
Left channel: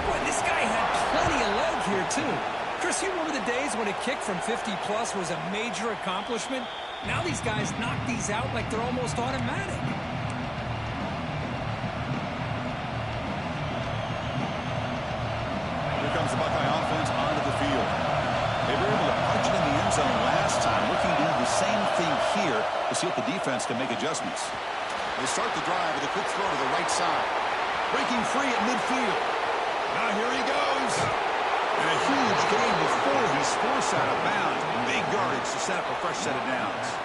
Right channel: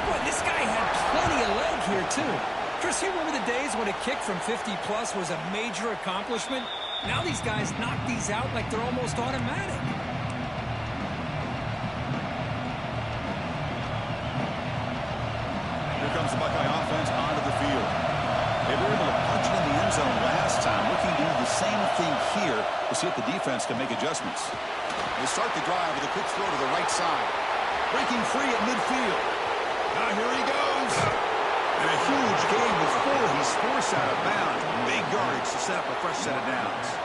Boy, this guy had plenty of leg here, too. Chris, you remember the days when a kick from 50-plus was a major accomplishment? Now these guys knock these out like they're almost automatic. Comes the Buckeye offense onto the field. They were able to punch it in the end zone last time, looking to do the same thing here to see if the defense can make adjustments. They start the drive with a quick throw to the right side. Breaking free at midfield. Now here he goes. And a huge gain before he's forced out of bounds. Big yardage to set up a fresh set of downs.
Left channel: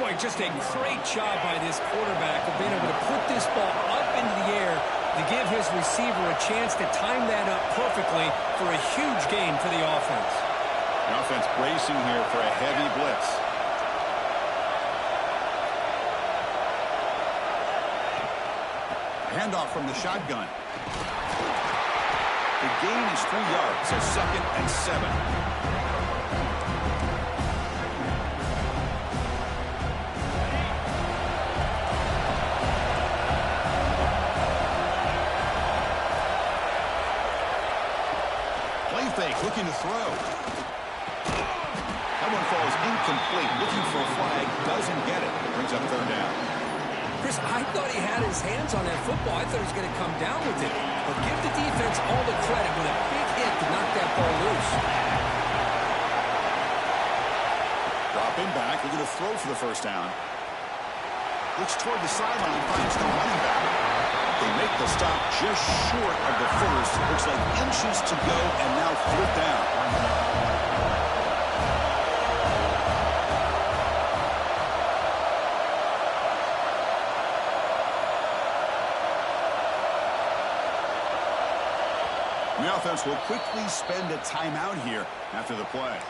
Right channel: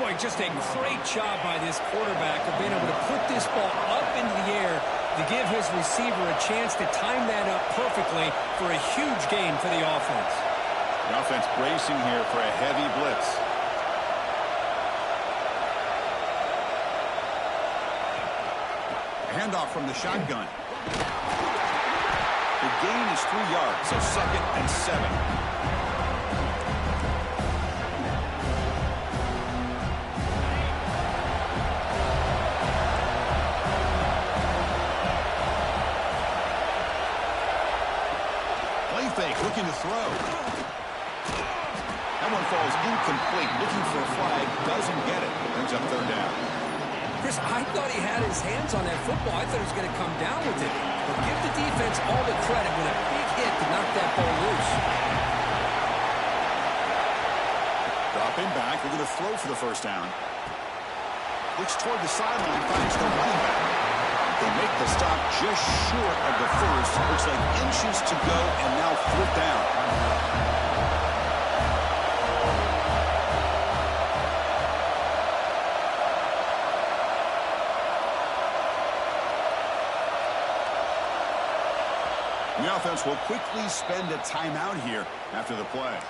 Boy, just a great job by this quarterback of being able to put this ball up into the air to give his receiver a chance to time that up perfectly for a huge gain for the offense. The offense bracing here for a heavy blitz. Handoff from the shotgun. The gain is 3 yards, so 2nd and 7. Play fake, looking to throw. That one falls incomplete. Looking for a flag, doesn't get it. Brings up third down. Chris, I thought he had his hands on that football. I thought he was going to come down with it. But give the defense all the credit with a big hit to knock that ball loose. Dropping back, looking to throw for the first down. Looks toward the sideline, finds the running back. They make the stop just short of the first. Looks like inches to go, and now 4th down. The offense will quickly spend a timeout here after the play.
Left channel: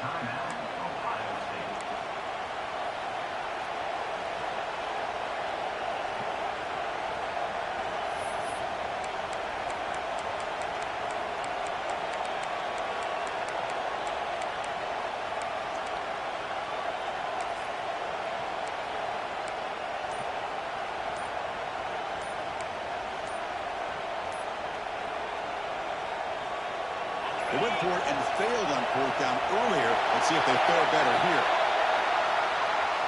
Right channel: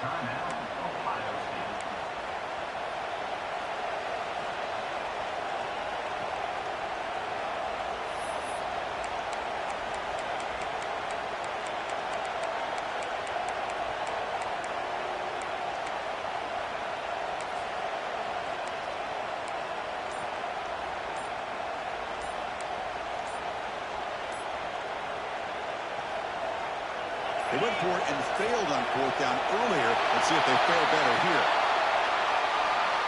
They went for it and failed on 4th down earlier. Let's see if they fare better here.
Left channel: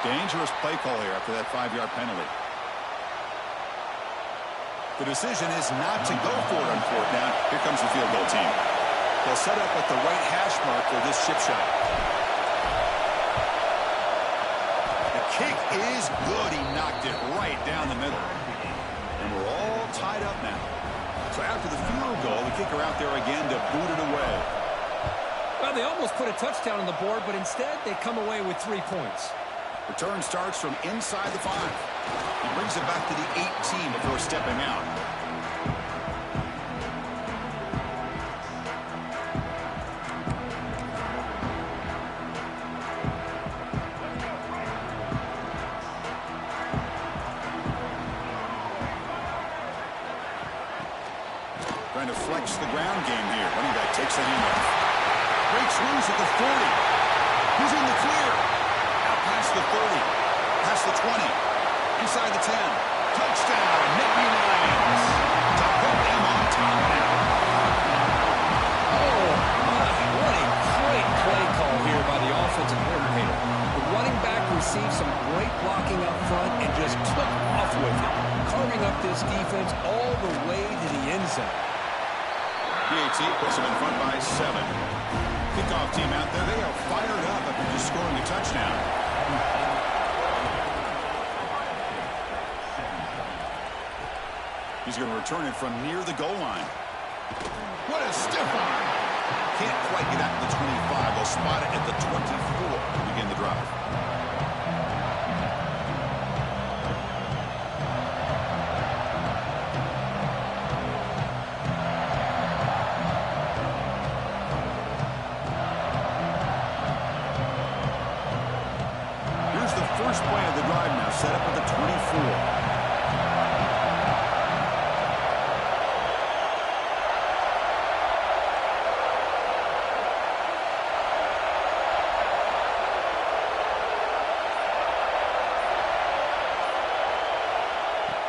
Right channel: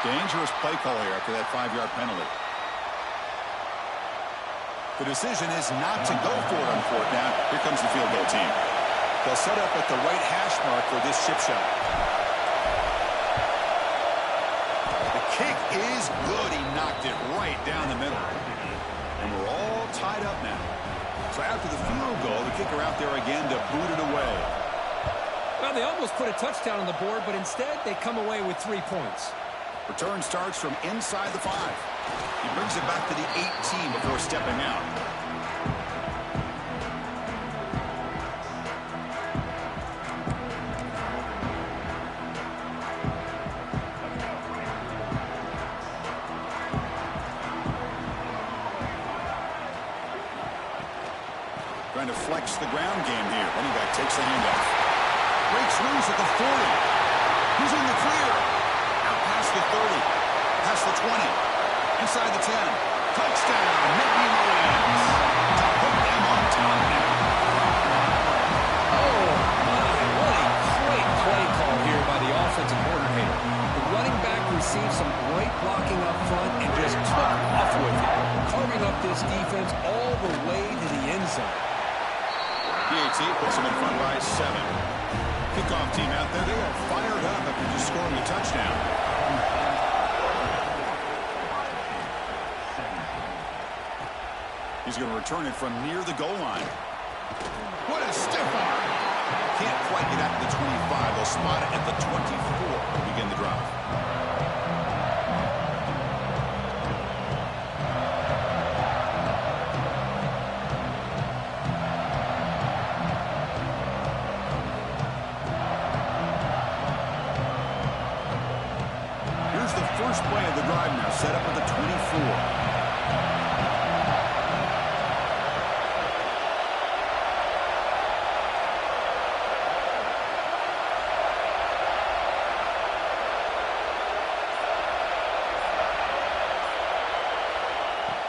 Dangerous play call here after that 5-yard penalty. The decision is not to go for it on 4th down. Here comes the field goal team. They'll set up at the right hash mark for this chip shot. The kick is good. He knocked it right down the middle. And we're all tied up now. So after the field goal, the kicker out there again to boot it away. Well, they almost put a touchdown on the board, but instead they come away with 3 points. Return starts from inside the 5. He brings it back to the 18 before stepping out. trying to flex the ground game here. Running back takes the handoff. Breaks loose at the 40. He's in the clear. Out past the 30. Past the 20. Inside the 10. Touchdown, Nittany Lions. To put them on top now. Oh, my. What a great play call here by the offensive coordinator. The running back received some great blocking up front and just took off with it, carving up this defense all the way to the end zone. PAT puts them in front by 7. Kickoff team out there, they are fired up after just scoring a touchdown. He's going to return it from near the goal line. What a stiff arm. Can't quite get out to the 25. They'll spot it at the 24 to begin the drive. Here's the first play of the drive now, set up at the 24.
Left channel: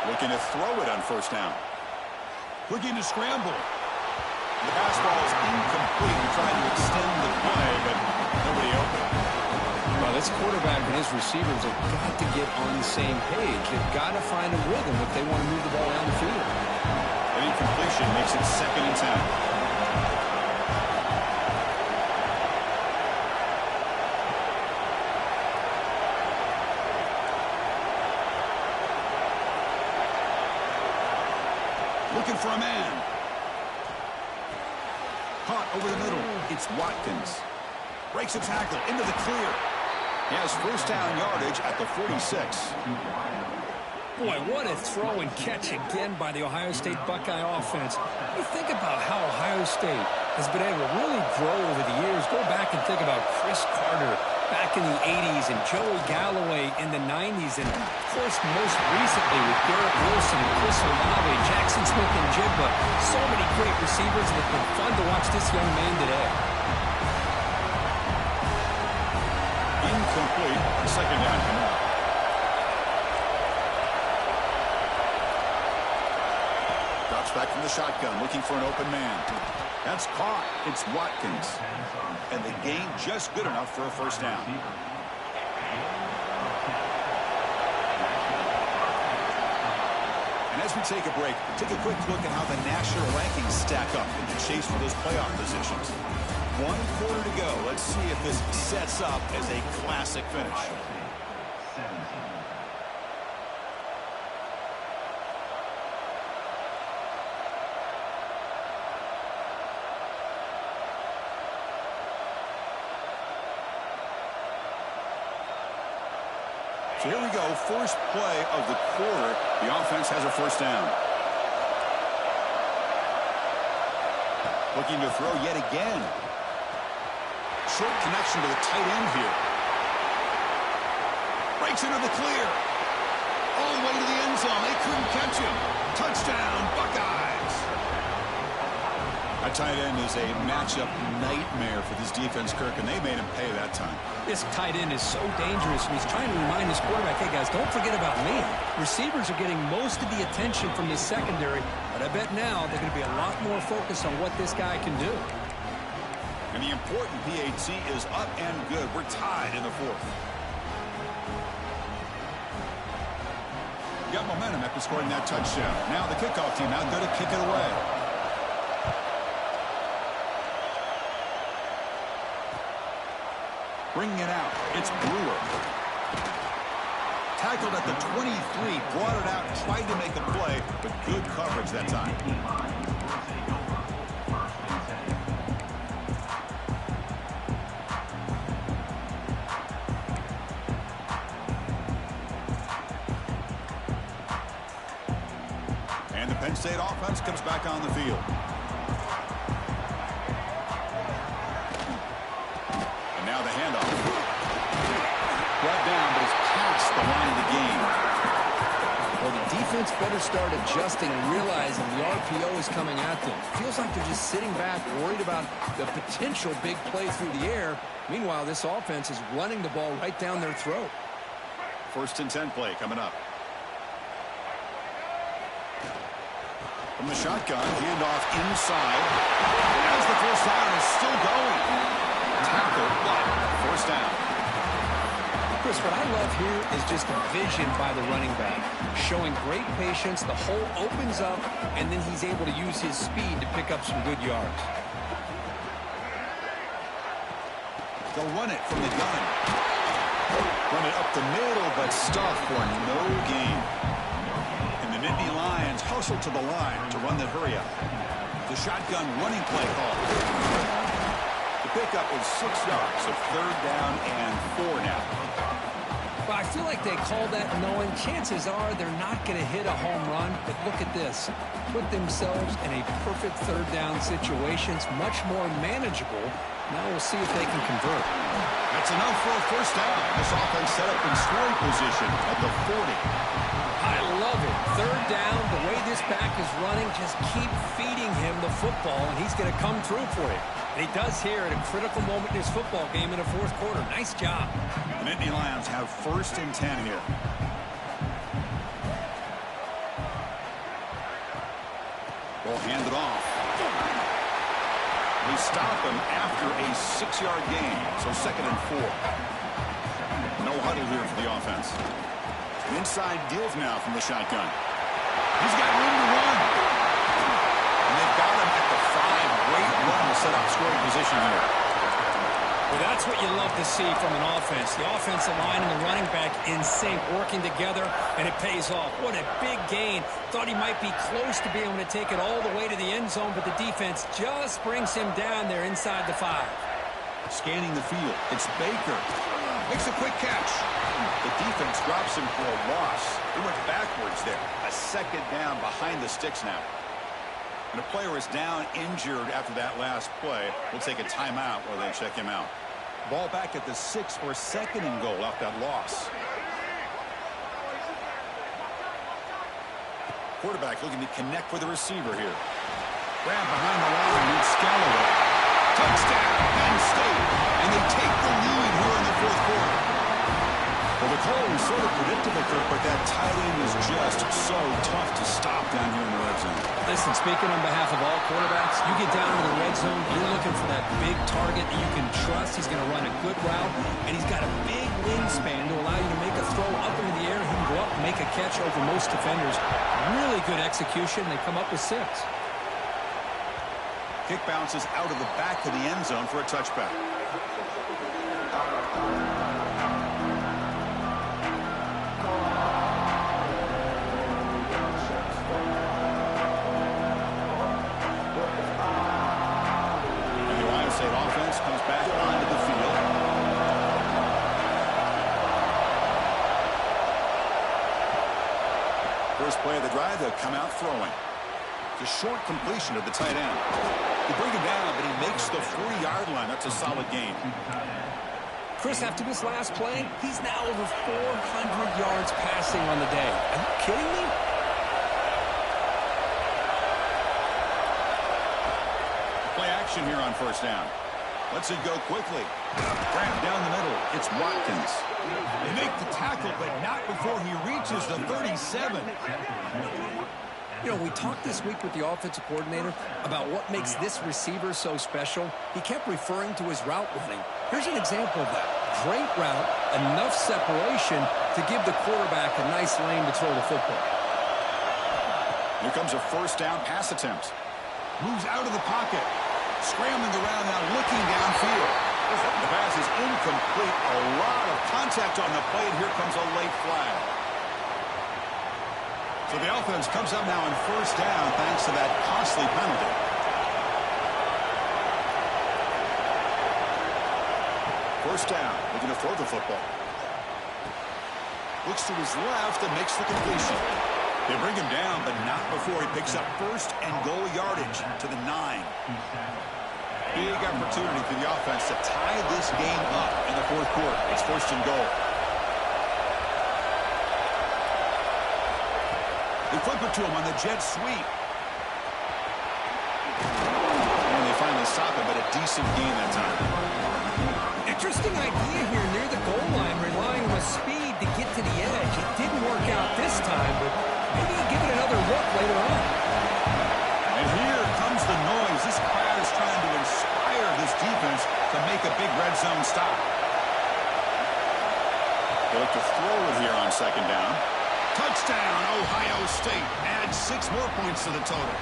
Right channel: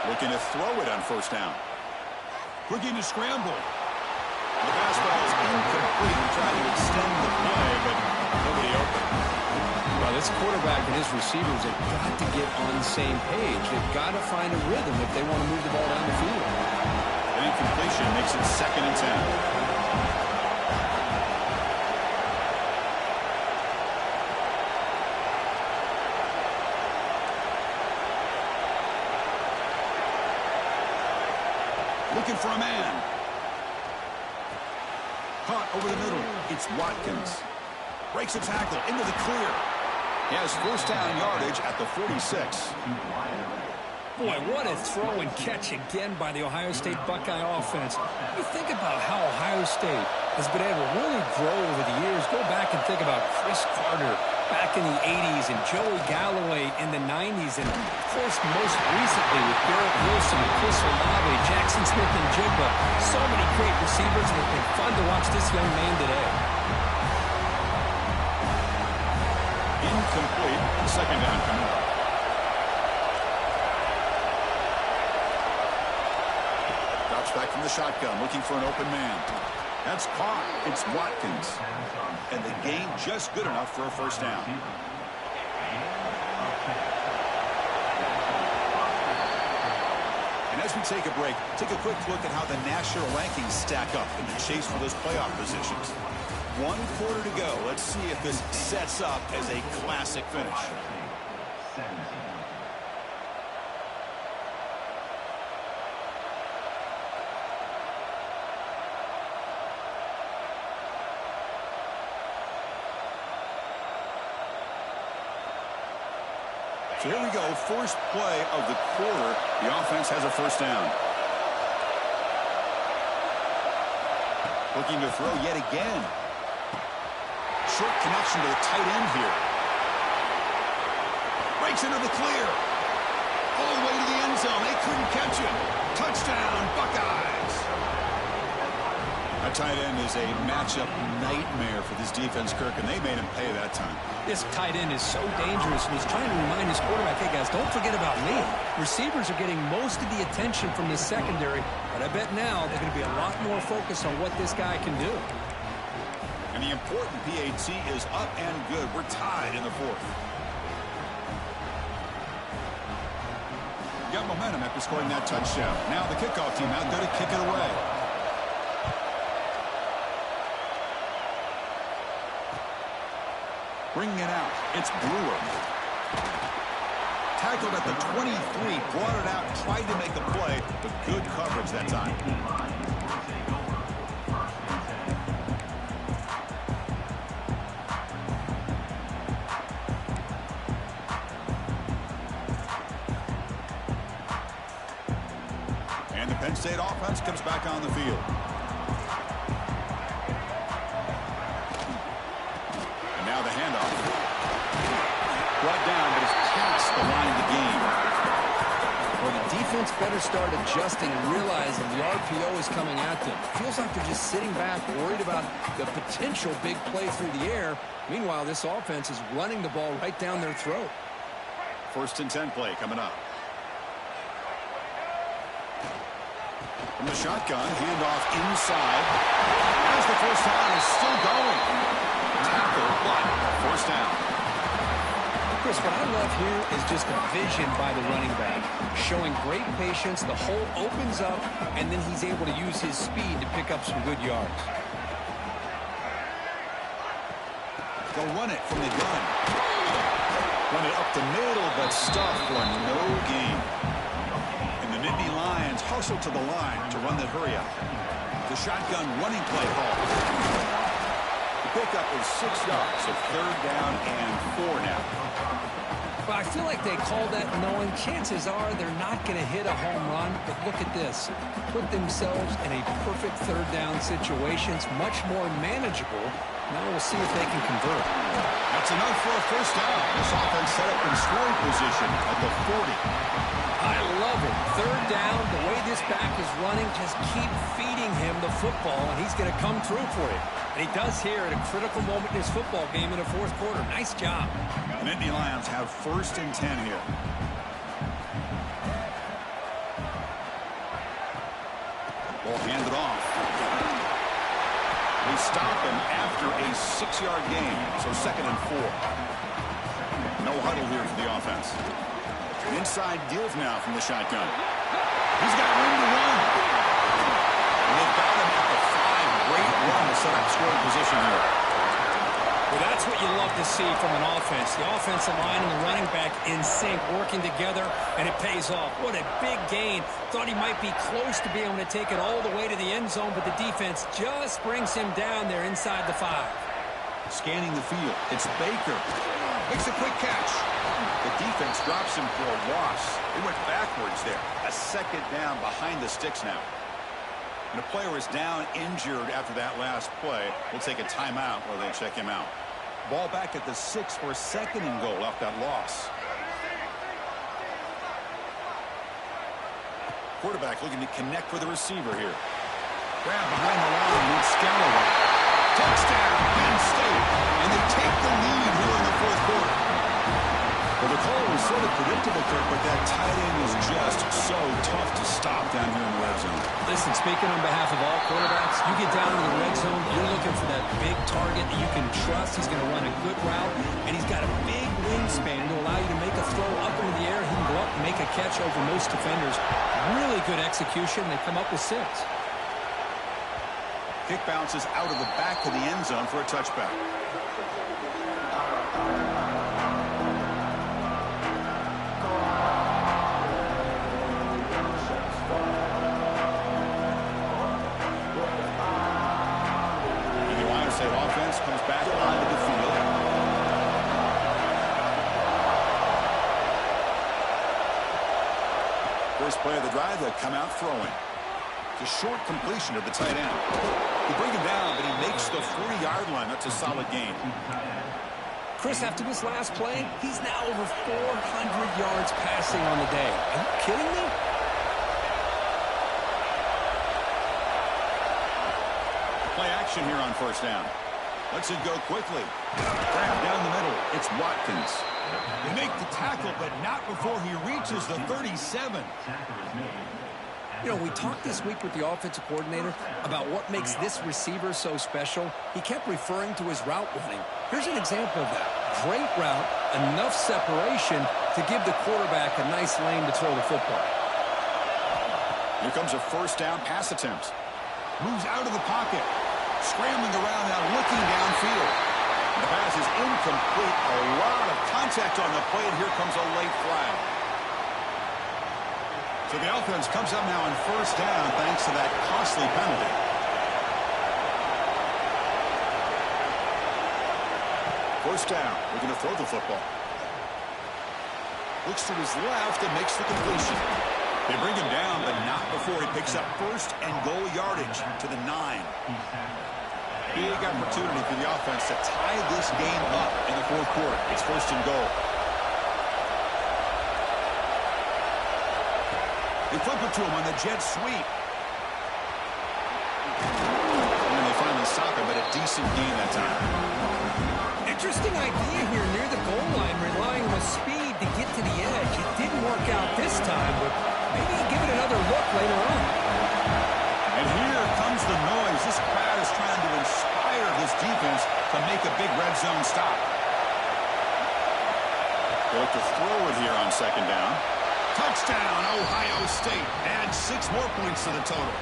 Looking to throw it on first down. Looking to scramble. The pass ball is incomplete. He tried to extend the play, but nobody open. Well, this quarterback and his receivers have got to get on the same page. They've got to find a rhythm if they want to move the ball down the field. An incompletion makes it 2nd and 10. Looking for a man. Caught over the middle. It's Watkins. Breaks a tackle into the clear. He has first down yardage at the 46. Boy, what a throw and catch again by the Ohio State Buckeye offense. You think about how Ohio State has been able to really grow over the years. Go back and think about Chris Carter back in the 80s and Joey Galloway in the 90s. And, of course, most recently with Garrett Wilson and Chris Olave, Jackson Smith and Jigba. So many great receivers, and it's been fun to watch this young man today. Incomplete. Second down coming up. Drops back from the shotgun, looking for an open man. That's caught. It's Watkins. And the gain just good enough for a first down. And as we take a break, take a quick look at how the national rankings stack up in the chase for those playoff positions. 1 quarter to go. Let's see if this sets up as a classic finish. So here we go, first play of the quarter. The offense has a first down. Looking to throw yet again. Short connection to the tight end here. Breaks into the clear. All the way to the end zone. They couldn't catch him. Touchdown, Buckeyes. That tight end is a matchup nightmare for this defense, Kirk, and they made him pay that time. This tight end is so dangerous, and he's trying to remind his quarterback, hey, guys, don't forget about me. Receivers are getting most of the attention from the secondary, but I bet now they're going to be a lot more focused on what this guy can do. And the important PAT is up and good. We're tied in the 4th. Got momentum after scoring that touchdown. Now the kickoff team out there to kick it away. Bringing it out, it's Brewer. Tackled at the 23, brought it out, tried to make a play, but good coverage that time. And the Penn State offense comes back on the field. Now the handoff. Brought down, but it's past the line of the game. Well, the defense better start adjusting and realizing the RPO is coming at them. Feels like they're just sitting back, worried about the potential big play through the air. Meanwhile, this offense is running the ball right down their throat. 1st and 10 play coming up. From the shotgun, handoff inside. As the first down is still going. Tackle, but first down. Chris, what I love here is just the vision by the running back. Showing great patience, the hole opens up, and then he's able to use his speed to pick up some good yards. They'll run it from the gun. Run it up the middle, but stuffed for no gain. And the Nittany Lions hustle to the line to run the hurry-up. The shotgun running play call. The pickup is 6 yards, so 3rd down and 4 now. But I feel like they called that knowing chances are they're not going to hit a home run. But look at this. Put themselves in a perfect 3rd down situation. It's much more manageable. Now we'll see if they can convert. That's enough for a first down. This offense set up in scoring position at the 40. I love it. 3rd down, the way this back is running, just keep feeding him the football, and he's going to come through for you. And he does here at a critical moment in his football game in the 4th quarter. Nice job. The Nittany Lions have 1st and 10 here. Ball handed off. They stop him after a 6-yard gain, so 2nd and 4. No huddle here for the offense. Inside give now from the shotgun. He's got room to run. And they've got him at the 5. Great run to set up scoring position here. Well, that's what you love to see from an offense. The offensive line and the running back in sync, working together, and it pays off. What a big gain. Thought he might be close to being able to take it all the way to the end zone, but the defense just brings him down there inside the 5. Scanning the field. It's Baker. Makes a quick catch. The defense drops him for a loss. They went backwards there. A 2nd down behind the sticks now. And a player is down injured after that last play. We'll take a timeout while they check him out. Ball back at the 6 for 2nd and goal off that loss. Quarterback looking to connect with the receiver here. Grab behind the line. It's Scalloway. Touchdown, Penn State. And they take the lead here in the 4th quarter. Well, the call was sort of predictable, Kirk, but that tight end is just so tough to stop down here in the red zone. Listen, speaking on behalf of all quarterbacks, you get down to the red zone, you're looking for that big target that you can trust. He's going to run a good route, and he's got a big wingspan to allow you to make a throw up into the air. He can go up and make a catch over most defenders. Really good execution. They come up with 6. Kick bounces out of the back of the end zone for a touchback. State offense comes back onto the field. First play of the drive, they'll come out throwing. It's a short completion to the tight end. They bring him down, but he makes the 40-yard line. That's a solid gain. Chris, after this last play, he's now over 400 yards passing on the day. Are you kidding me? Play action here on first down. Lets it go quickly. Grab down the middle. It's Watkins. They make the tackle, but not before he reaches the 37. You know, we talked this week with the offensive coordinator about what makes this receiver so special. He kept referring to his route running. Here's an example of that. Great route, enough separation to give the quarterback a nice lane to throw the football. Here comes a first down pass attempt. Moves out of the pocket. Scrambling around now, looking downfield. The pass is incomplete. A lot of contact on the play, and here comes a late flag. So the offense comes up now on first down thanks to that costly penalty. First down, looking to throw the football. Looks to his left and makes the completion. They bring him down, but not before he picks up first and goal yardage to the 9. Big opportunity for the offense to tie this game up in the 4th quarter. It's first and goal. They flip it to him on the jet sweep. And they finally stop him, but a decent gain that time. Interesting idea here near the goal line, relying on the speed to get to the edge. It didn't work out this time, but maybe give it another look later on. And here comes the noise. This crowd is trying to inspire this defense to make a big red zone stop. They look to throw it here on second down. Touchdown, Ohio State. Add 6 more points to the total.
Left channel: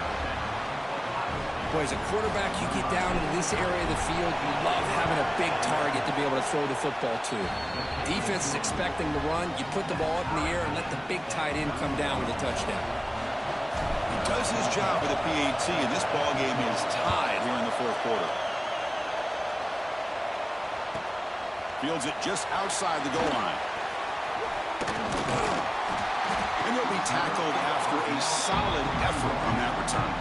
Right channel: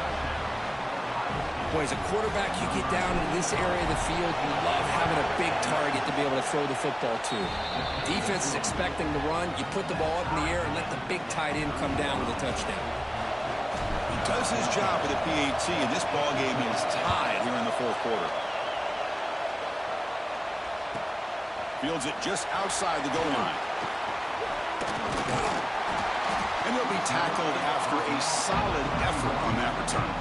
Boy, as a quarterback, you get down into this area of the field, you love having a big target to be able to throw the football to. Defense is expecting the run. You put the ball up in the air and let the big tight end come down with a touchdown. He does his job with a PAT, and this ball game is tied here in the fourth quarter. Fields it just outside the goal line. And he'll be tackled after a solid effort on that return.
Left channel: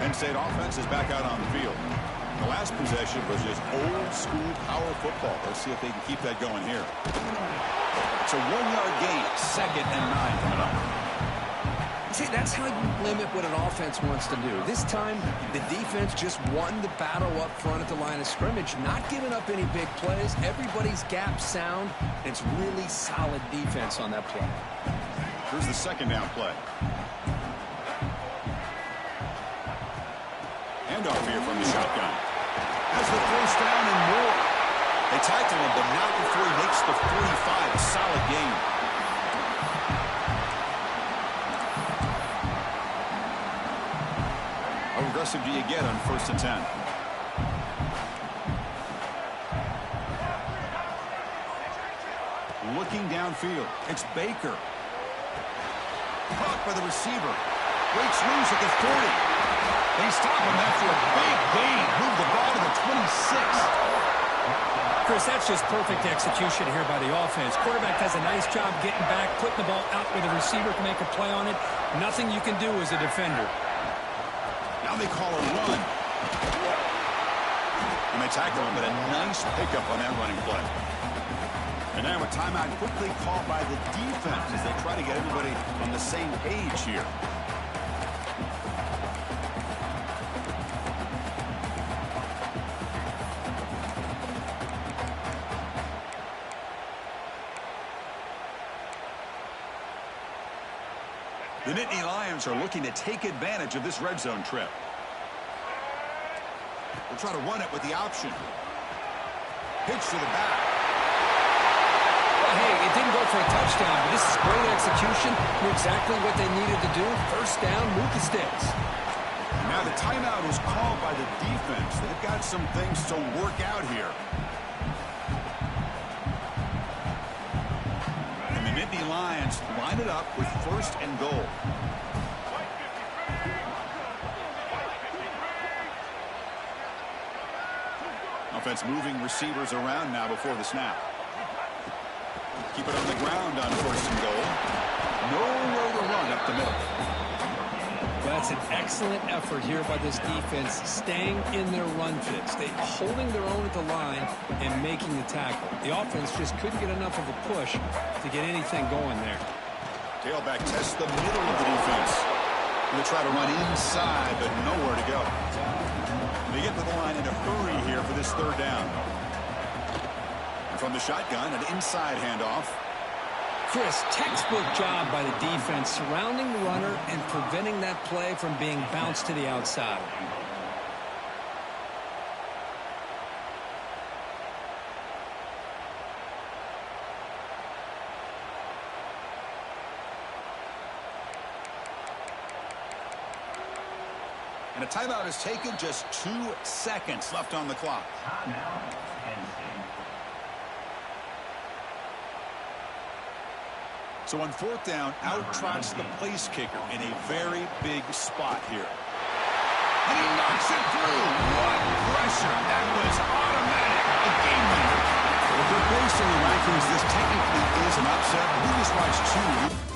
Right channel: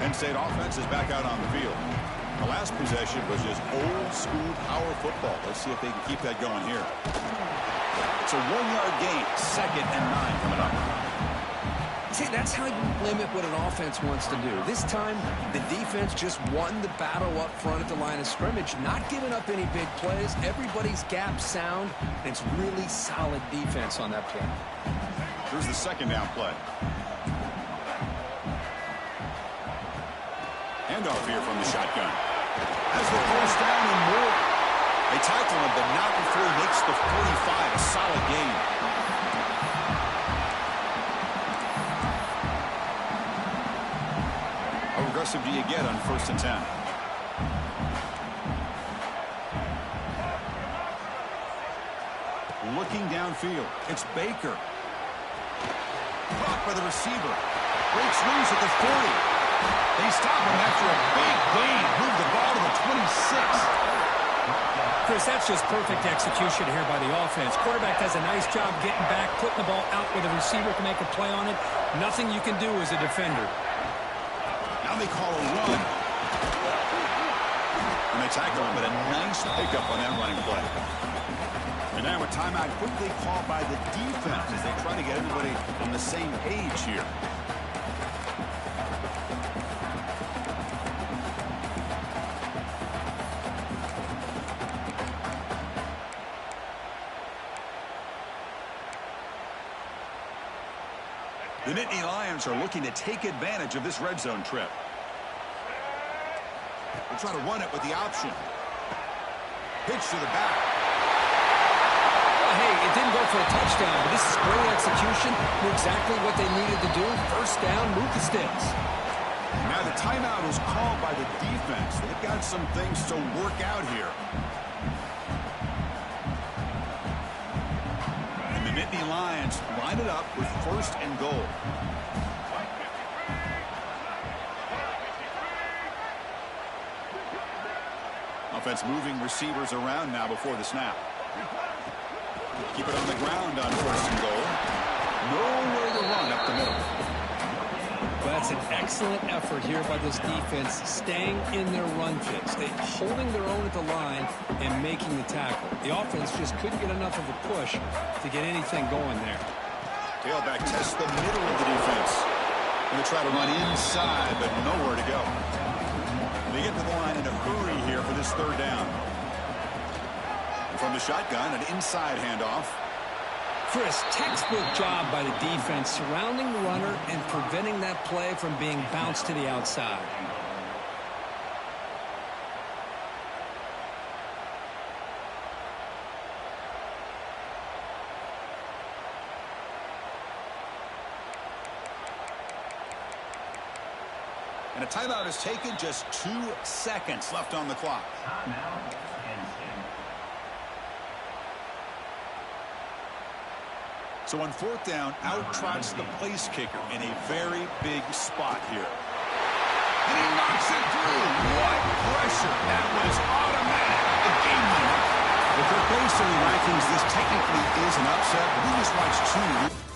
Penn State offense is back out on the field. The last possession was just old-school power football. Let's see if they can keep that going here. It's a 1-yard gain, 2nd and 9 coming up. See, that's how you limit what an offense wants to do. This time, the defense just won the battle up front at the line of scrimmage, not giving up any big plays. Everybody's gap sound, and it's really solid defense on that play. Here's the second down play. Handoff here from the shotgun. Has the first down and more. They tackle him, but not before he makes the 45. A solid gain. How aggressive do you get on 1st and 10? Looking downfield. It's Baker. Caught by the receiver. Breaks loose at the 40. They stop him after a big gain. Move the ball to the 26. Chris, that's just perfect execution here by the offense. Quarterback does a nice job getting back, putting the ball out where the receiver can make a play on it. Nothing you can do as a defender. Now they call a run. And they tackle him, but a nice pickup on that running play. And now a timeout quickly called by the defense as they try to get everybody on the same page here. The Nittany Lions are looking to take advantage of this red zone trip. They'll try to run it with the option. Pitch to the back. Well, hey, it didn't go for a touchdown, but this is great execution. Knew exactly what they needed to do. First down, move the sticks. Now the timeout is called by the defense. They've got some things to work out here. And the Nittany Lions line it up with 1st and goal. Offense moving receivers around now before the snap. Keep it on the ground on 1st and goal. Nowhere to run up the middle. Well, that's an excellent effort here by this defense, staying in their run fits. They holding their own at the line and making the tackle. The offense just couldn't get enough of a push to get anything going there. Tailback tests the middle of the defense. Going to try to run inside, but nowhere to go. They get to the line in a hurry here for this 3rd down. And from the shotgun, an inside handoff. Chris, textbook job by the defense surrounding the runner and preventing that play from being bounced to the outside. And a timeout is taken, just 2 seconds left on the clock. So on 4th down, out trots the place kicker in a very big spot here. And he knocks it through. What pressure. That was automatic. A game winner. Well, Kirk, based on the rankings, this technically is an upset. But we just watched 2